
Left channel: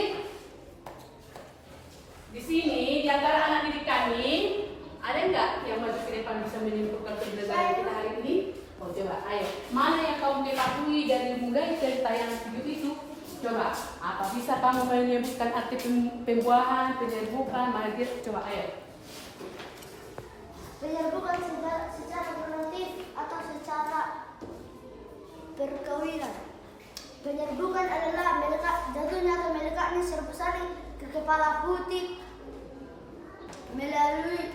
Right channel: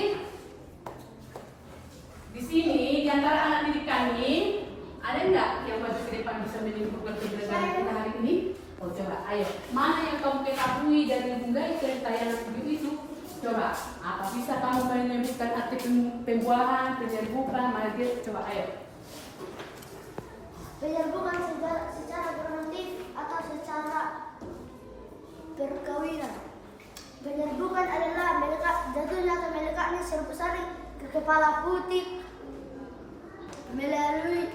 di sini di antara anak didik kami ada nggak yang maju ke depan bisa menyimpulkan pembelajaran kita hari ini? Oh coba, ayo. Mana yang kamu ketahui dari menggait dari tayangan video itu? Coba, apa bisa kamu menyebutkan arti pembuahan, penyerbukan, margir? Coba, ayo. Penyerbukan secara produktif atau secara perkawinan. Penyerbukan adalah jatuhnya atau melekatnya serbuk sari ke kepala putih melalui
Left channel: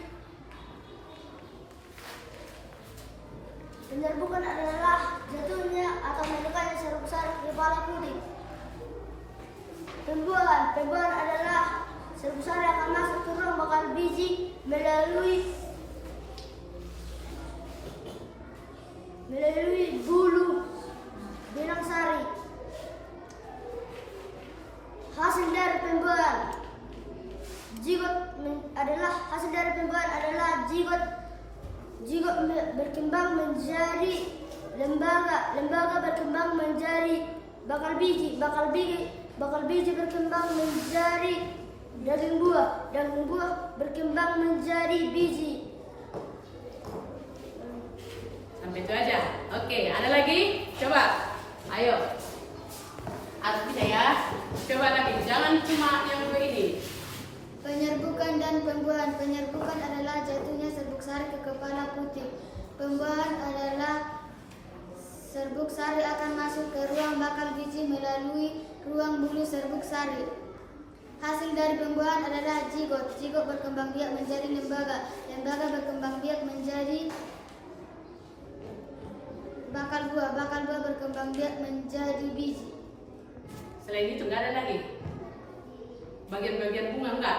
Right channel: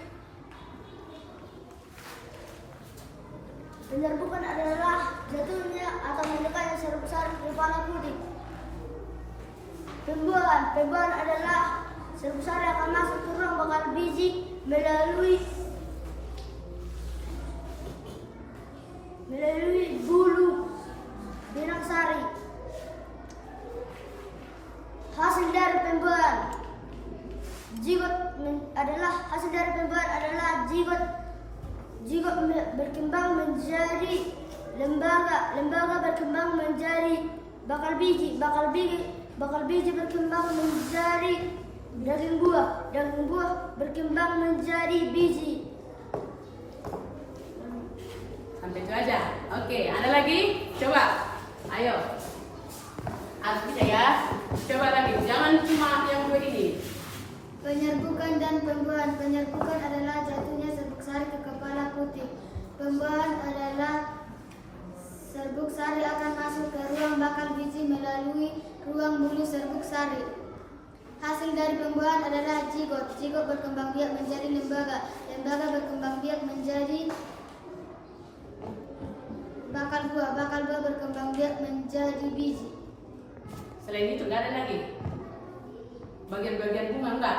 penyerbukan adalah jatuhnya atau melekatnya serbuk sari ke kepala putih. Pembuahan adalah serbuk sari akan masuk ke ruang bakal biji melalui bulu benang sari. Hasil dari pembuahan adalah zigot berkembang menjadi lembaga berkembang menjadi bakal biji berkembang menjadi daging buah berkembang menjadi biji. Sampai itu aja. Oke, ada lagi? Coba. Ayo. Harus bisa ya. Coba lagi. Jangan cuma yang dua ini. Penyerbukan dan pembuahan. Penyerbukan adalah jatuhnya serbuk sari ke kepala putih. Pembuahan adalah serbuk sari akan masuk ke ruang bakal biji melalui ruang bulu serbuk sari. Hasil dari pembuahan adalah zigot. Zigot berkembang biak menjadi lembaga. Lembaga berkembang biak menjadi bakal buah berkembang biak menjadi biji. Selain itu nggak ada lagi. Bagian-bagian bunga enggak?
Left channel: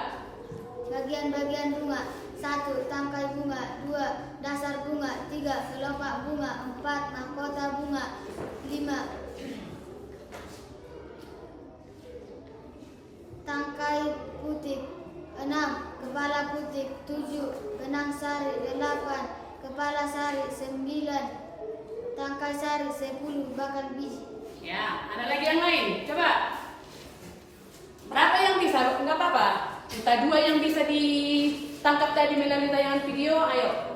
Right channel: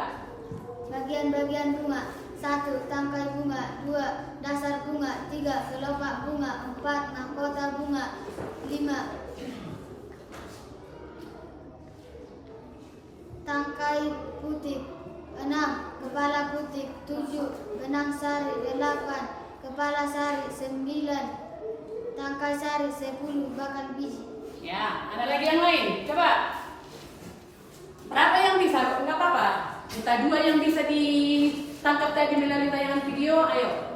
Bagian-bagian bunga: 1. Tangkai bunga, 2. Dasar bunga, 3. Kelopak bunga, 4. Mahkota bunga, 5. Tangkai putih, 6. Kepala putih, 7. Benang sari, 8. Kepala sari, 9. Tangkai sari, 10. Bakal biji. Ya, ada lagi yang lain. Coba. Berapa yang bisa? Enggak apa-apa. Kita 2 yang bisa ditangkap tadi melalui tayangan video. Ayo.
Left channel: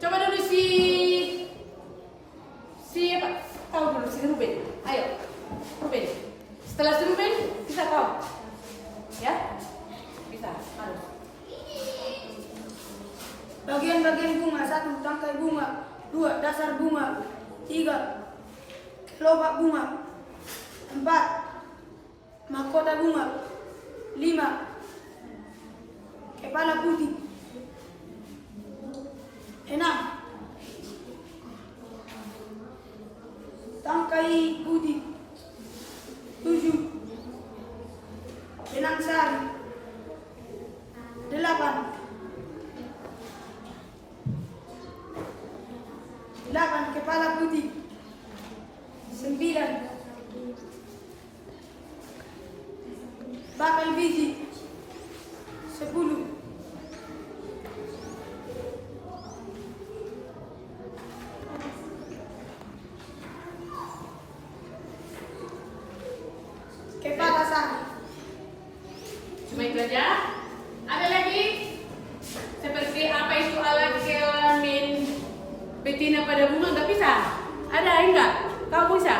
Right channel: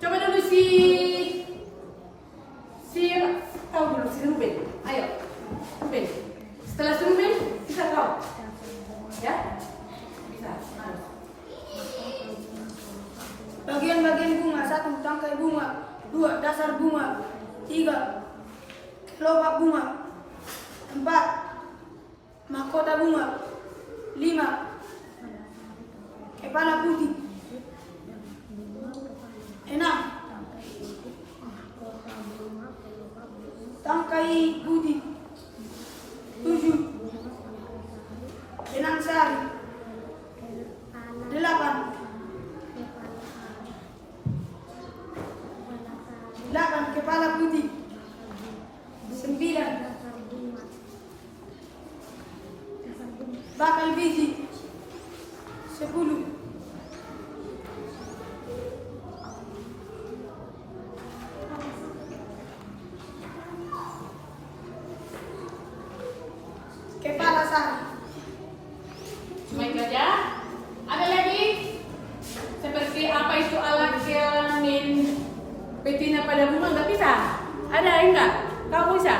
Coba dulu si apa? Kau dulu si Ruben. Ayo. Ruben. Setelah si Ruben, bisa kau. Ya? Bisa. Harus. Bagian-bagian bunga. 1. Tangkai bunga. 2. Dasar bunga. 3. Kelopak bunga. 4. Mahkota bunga. 5. Kepala putih. 6. Tangkai putih. 7. Benang sari. 8. 8. Kepala putih. 9. Bakal biji. 10. Kepala sari. Cuma itu aja. Ada lagi? Seperti apa itu alat kelamin betina pada bunga? Enggak bisa? Ada enggak? Kau bisa?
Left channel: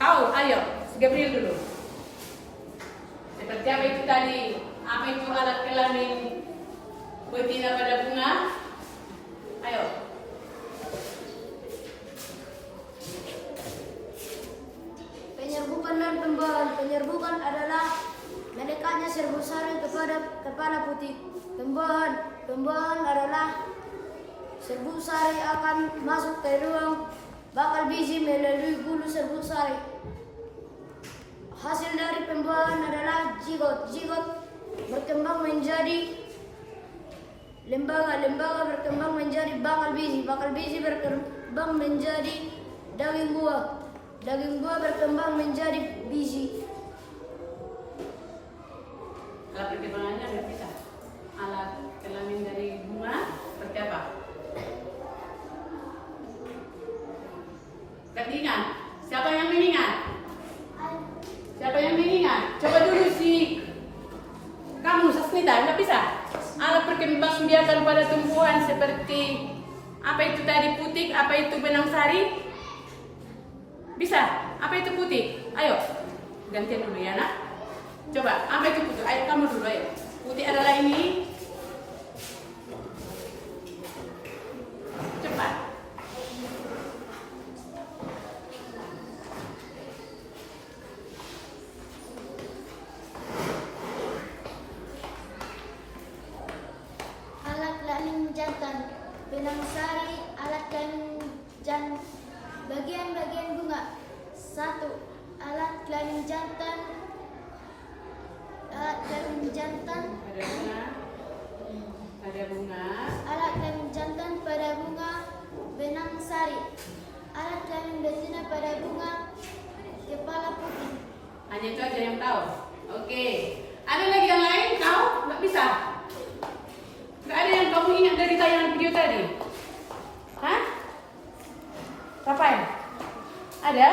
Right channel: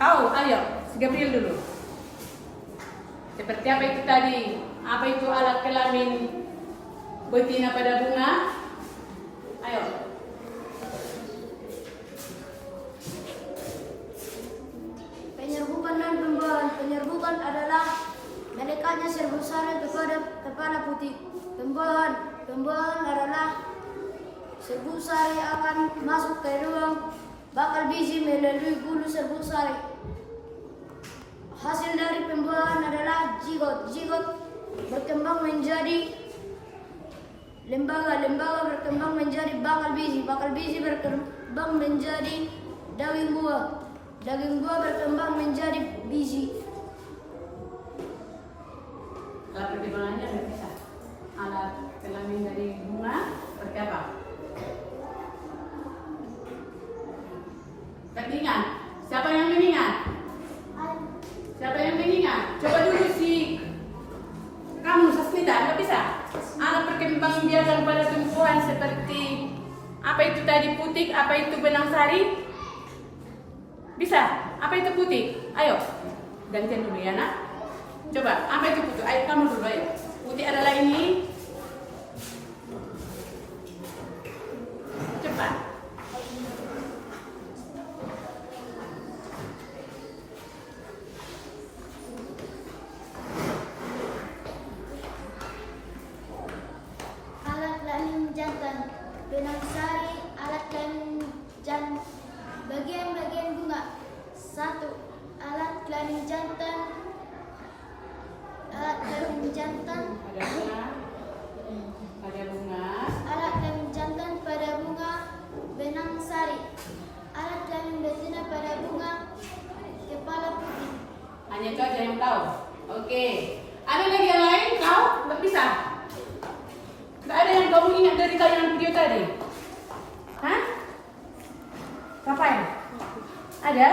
Kau, ayo, si Gabriel dulu. Seperti apa itu tadi? Apa itu alat kelamin betina pada bunga? Ayo. Penyerbukan dan pembuahan. Penyerbukan adalah menekatnya serbuk sari kepada kepala putih. Pembuahan adalah serbuk sari akan masuk ke ruang bakal biji melalui bulu serbuk sari. Hasil dari pembuahan adalah zigot. Zigot berkembang menjadi lembaga. Lembaga berkembang menjadi bakal biji. Bakal biji berkembang menjadi daging buah. Daging buah berkembang menjadi biji. Alat pertimbangannya nggak bisa. Alat kelamin dari bunga seperti apa? Ketingan. Siapa yang mengingat? Siapa yang mengingat? Coba dulu si kamu Sasmita, nggak bisa. Alat perkembangbiakan pada tumbuhan seperti apa itu tadi putih, apa itu benang sari? Bisa? Apa itu putih? Ayo, gantian dulu ya nak. Coba, apa itu putih? Ayo kamu dulu ayo. Putih adalah ini. Cepat. Alat kelamin jantan. Benang sari. Alat kelamin jantan. Bagian-bagian bunga. 1. Alat kelamin jantan. Alat kelamin jantan. Ada bunga. Ada bunga. Alat kelamin jantan pada bunga. Benang sari. Alat kelamin betina pada bunga. Kepala putih. Hanya itu aja yang tahu. Oke. Ada lagi yang lain? Kau nggak bisa. Nggak ada yang kamu ingat dari tayangan video tadi? Hah? Kapan? Ada?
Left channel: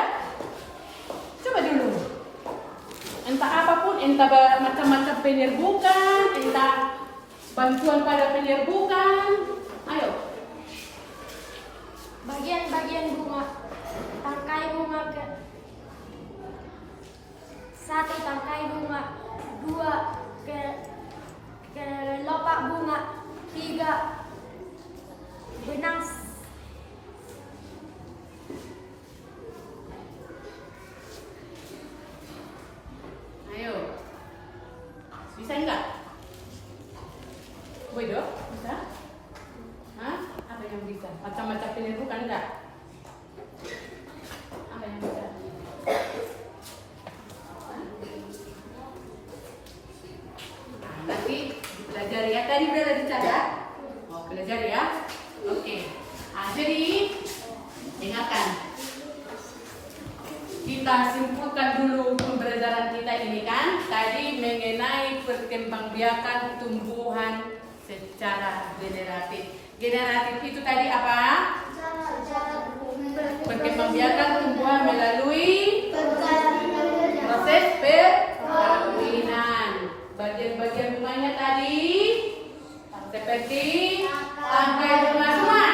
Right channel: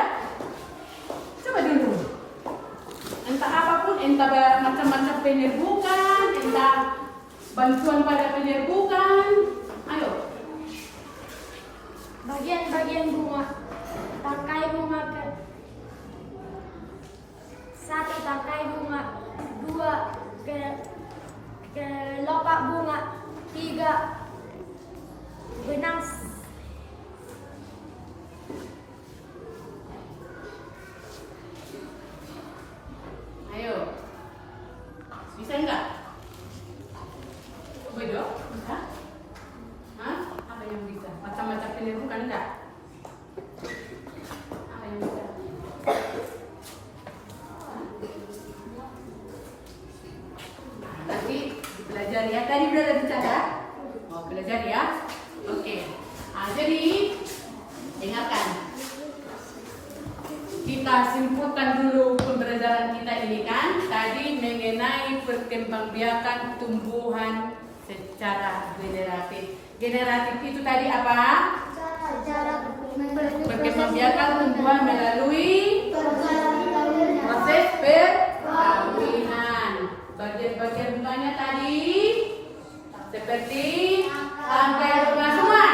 Coba dulu. Entah apapun, entah macam-macam penyerbukan, entah bantuan pada penyerbukan. Ayo. Bagian-bagian bunga. Tangkai bunga ke 1. Tangkai bunga. 2. Kelopak bunga. 3. Benang Ayo. Bisa enggak? Bodoh? Bisa? Hah? Apa yang bisa? Macam-macam penyerbukan enggak? Apa yang bisa? Nanti dipelajari ya. Tadi udah dicatat. Mau belajar ya? Oke. Jadi dengarkan. Kita simpulkan dulu pembelajaran kita ini kan. Tadi mengenai perkembangbiakan tumbuhan secara generatif. Generatif itu tadi apa? cara membiarkan tumbuhan melalui proses perkawinan. Bagian-bagian bunganya tadi seperti tangkai bunga semua.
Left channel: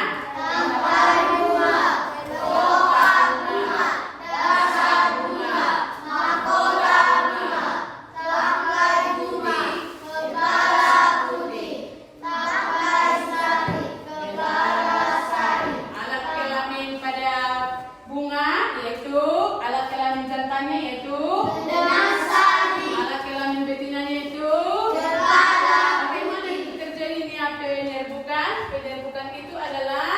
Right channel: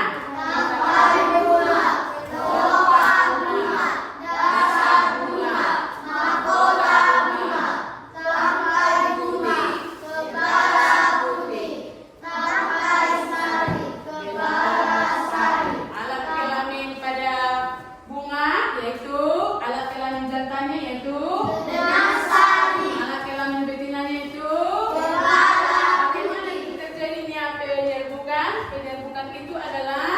Alat kelamin pada bunga yaitu alat kelamin jantannya yaitu alat kelamin betinanya itu bagaimana itu terjadinya penyerbukan? Penyerbukan itu adalah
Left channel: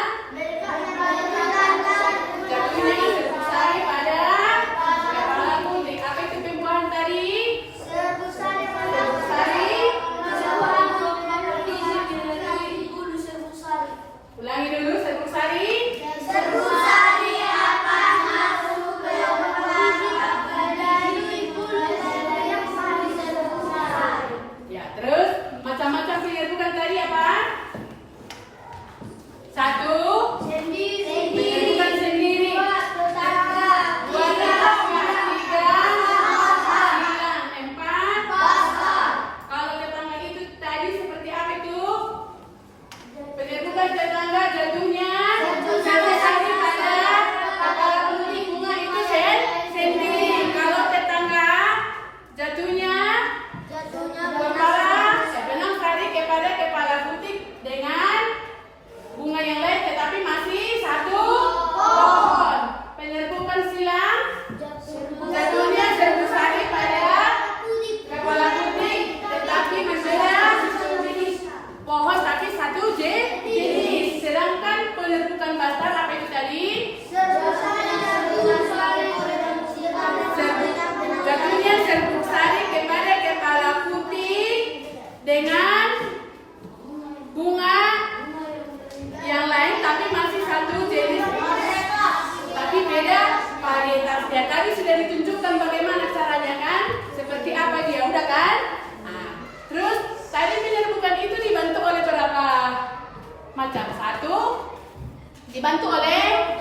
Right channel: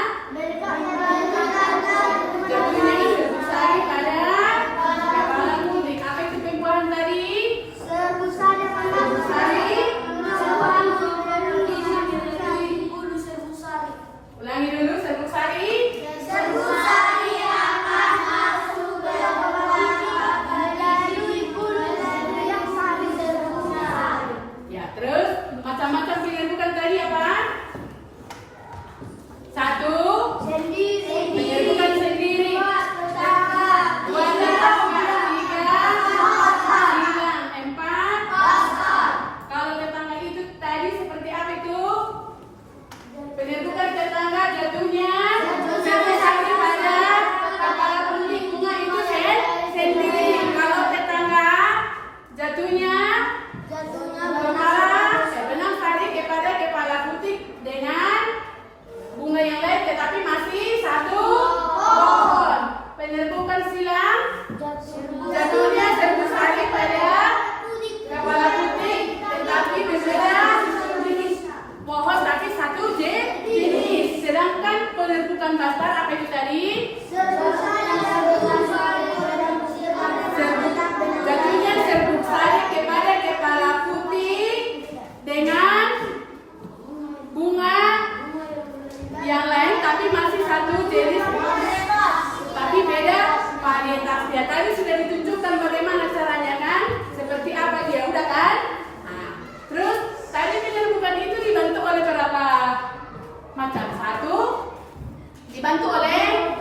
jatuhnya serbuk sari pada kepala kuning. Apa itu pembuahan tadi? Serbuk sari. Ulangi dulu serbuk sari. Ya, terus macam-macam penyerbukan tadi apa? Satu, penyerbukan sendiri. Dua, tiga, sembilan, empat. Kalau tetangga itu tadi seperti apa itu? Penyerbukan tetangga jatuhnya serbuk sari pada kepala kuning. Bunga itu sendiri. Kalau tetangga jatuhnya benang sari kepada kepala putih dengan bunga yang lain tetapi masih satu pohon. Penyerbukan silang jatuhnya serbuk sari pada kepala putih tetapi berbeda jenis pohon tapi satu jenis. Sedangkan penyerbukan bastar apa itu tadi? Jatuhnya serbuk sari kepada kepala putih dengan bunga yang lain tapi masih satu jenis tapi beda varietasnya. Tadi sudah ditunjukkan bagaimana caranya kan? Seperti apa dia udah kan? Nah, terus tadi penyerbukan itu dibantu oleh berapa macam? Satu dibantu oleh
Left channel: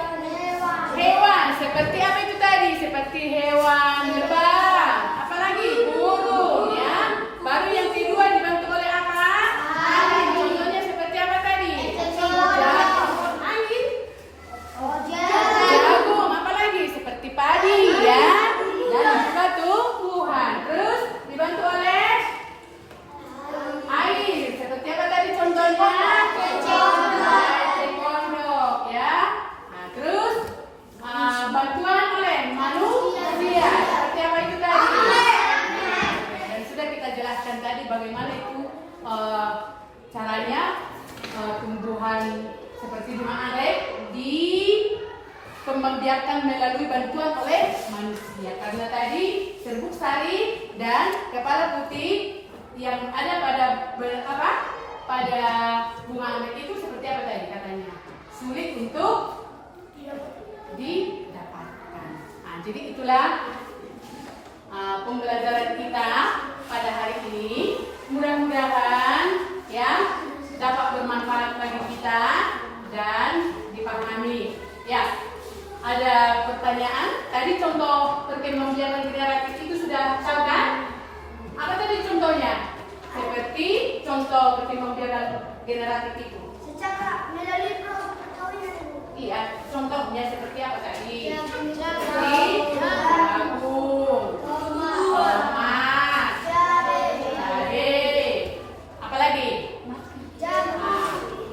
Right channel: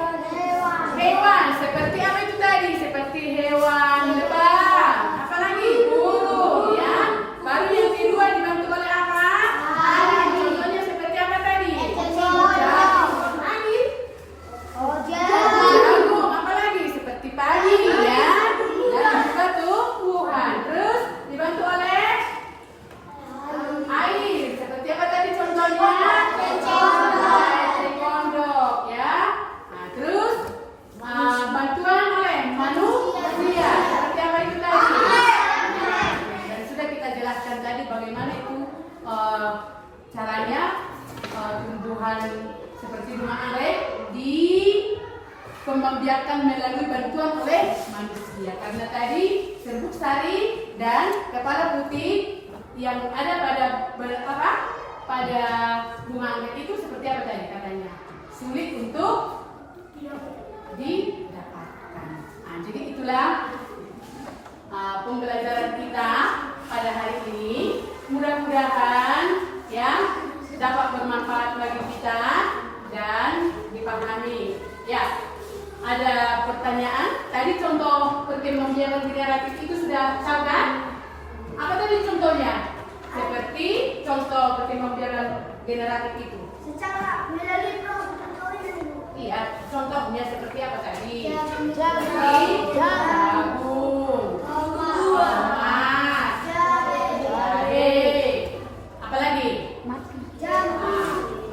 hewan. Seperti apa itu tadi? Seperti hewan terbang. Apalagi burung ya. Baru yang kedua dibantu oleh apa? Contohnya seperti apa tadi? Jagung. Apalagi seperti padi ya. Dan juga tumbuhan. Terus dibantu oleh air. Seperti apa tadi contohnya? Kondok ya. Nah, terus bantuan oleh manusia. Seperti apa itu tadi? Dan sudah kita jelaskan tadi bagaimana itu caranya tumbuhan seperti bunga anggrek membiarkan melalui bantuan oleh manusia. Karena tadi serbuk sari dan kepala putih yang ada pada bunga anggrek itu seperti apa tadi katanya? Sulit untuk didapatkan. Nah, jadi itulah pembelajaran kita pada hari ini. Mudah-mudahan ya dapat bermanfaat bagi kita dan dipahami. Ya, ada pertanyaan? Tadi contoh perkembangbiakan generatif itu sudah tahu kan? Apa tadi contohnya? Seperti contoh perkembangbiakan generatif itu. Secara melalui proses Iya, contohnya seperti apa tadi? Jagung, jagung, tomat, jahe, apalagi?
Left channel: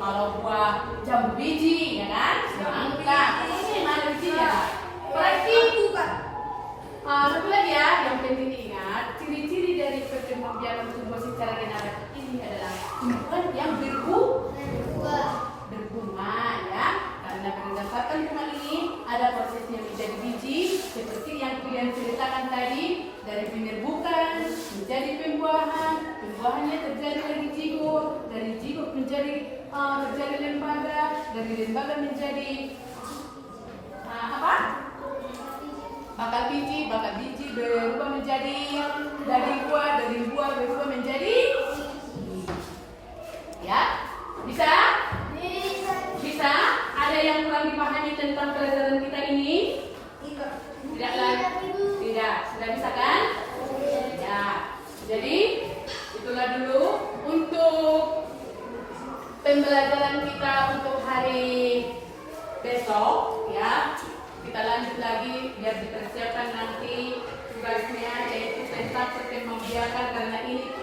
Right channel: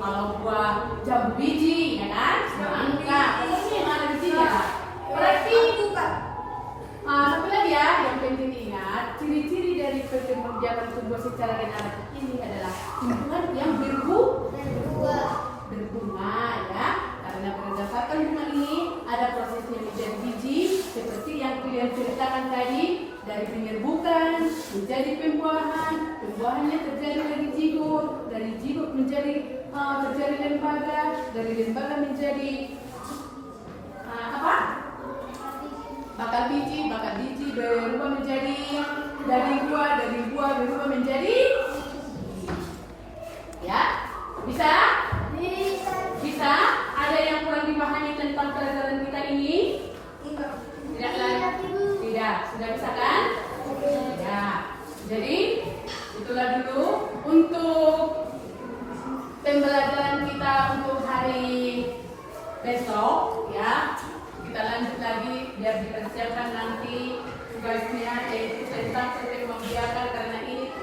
Kalau buah jambu biji, ya kan? Semangka, ini mana bijinya? Berarti satu lagi ya, yang penting ingat, ciri-ciri dari perkembangbiakan tumbuh secara generatif ini adalah tumbuhan yang berbunga ya. Karena berdasarkan bunga ini ada prosesnya menjadi biji seperti yang kalian ceritakan tadi, dari penyerbukan menjadi pembuahan, pembuahannya terjadi dari zigot, dari zigot menjadi terjadi lembaga, dari lembaga menjadi bakal biji berubah menjadi dari buah berubah menjadi ya. Bisa? Ada yang kurang dipahami tentang pelajaran kita ini? besok ya kita lanjut lagi biar dipersiapkan nanti tugasnya yaitu tentang perkembangbiakan karena ini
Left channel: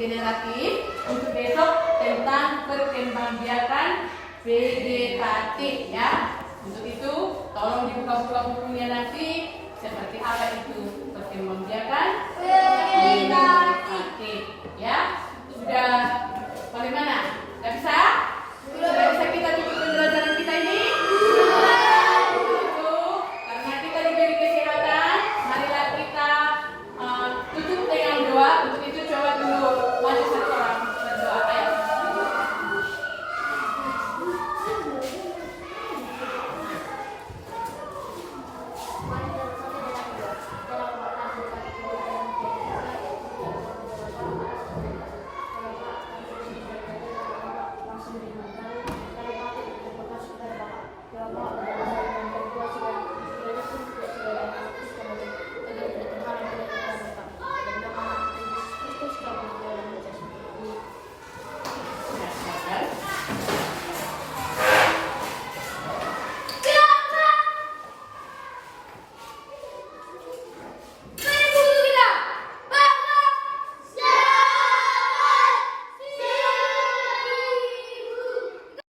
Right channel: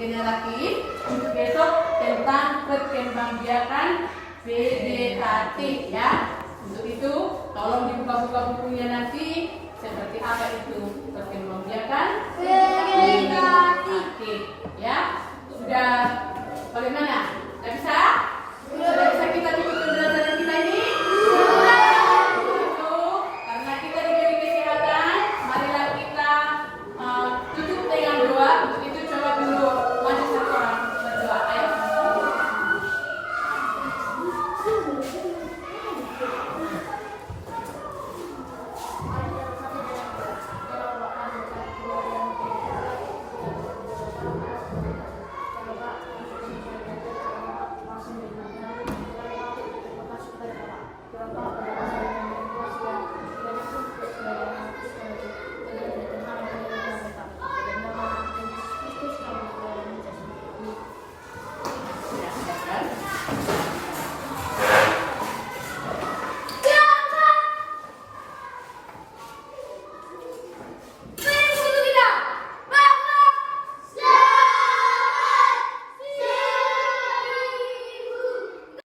generatif. Untuk besok tentang perkembangbiakan vegetatif ya. Untuk itu tolong dibuka-buka bukunya nanti seperti apa itu perkembangbiakan vegetatif ya. Sudah bagaimana? Sudah bisa?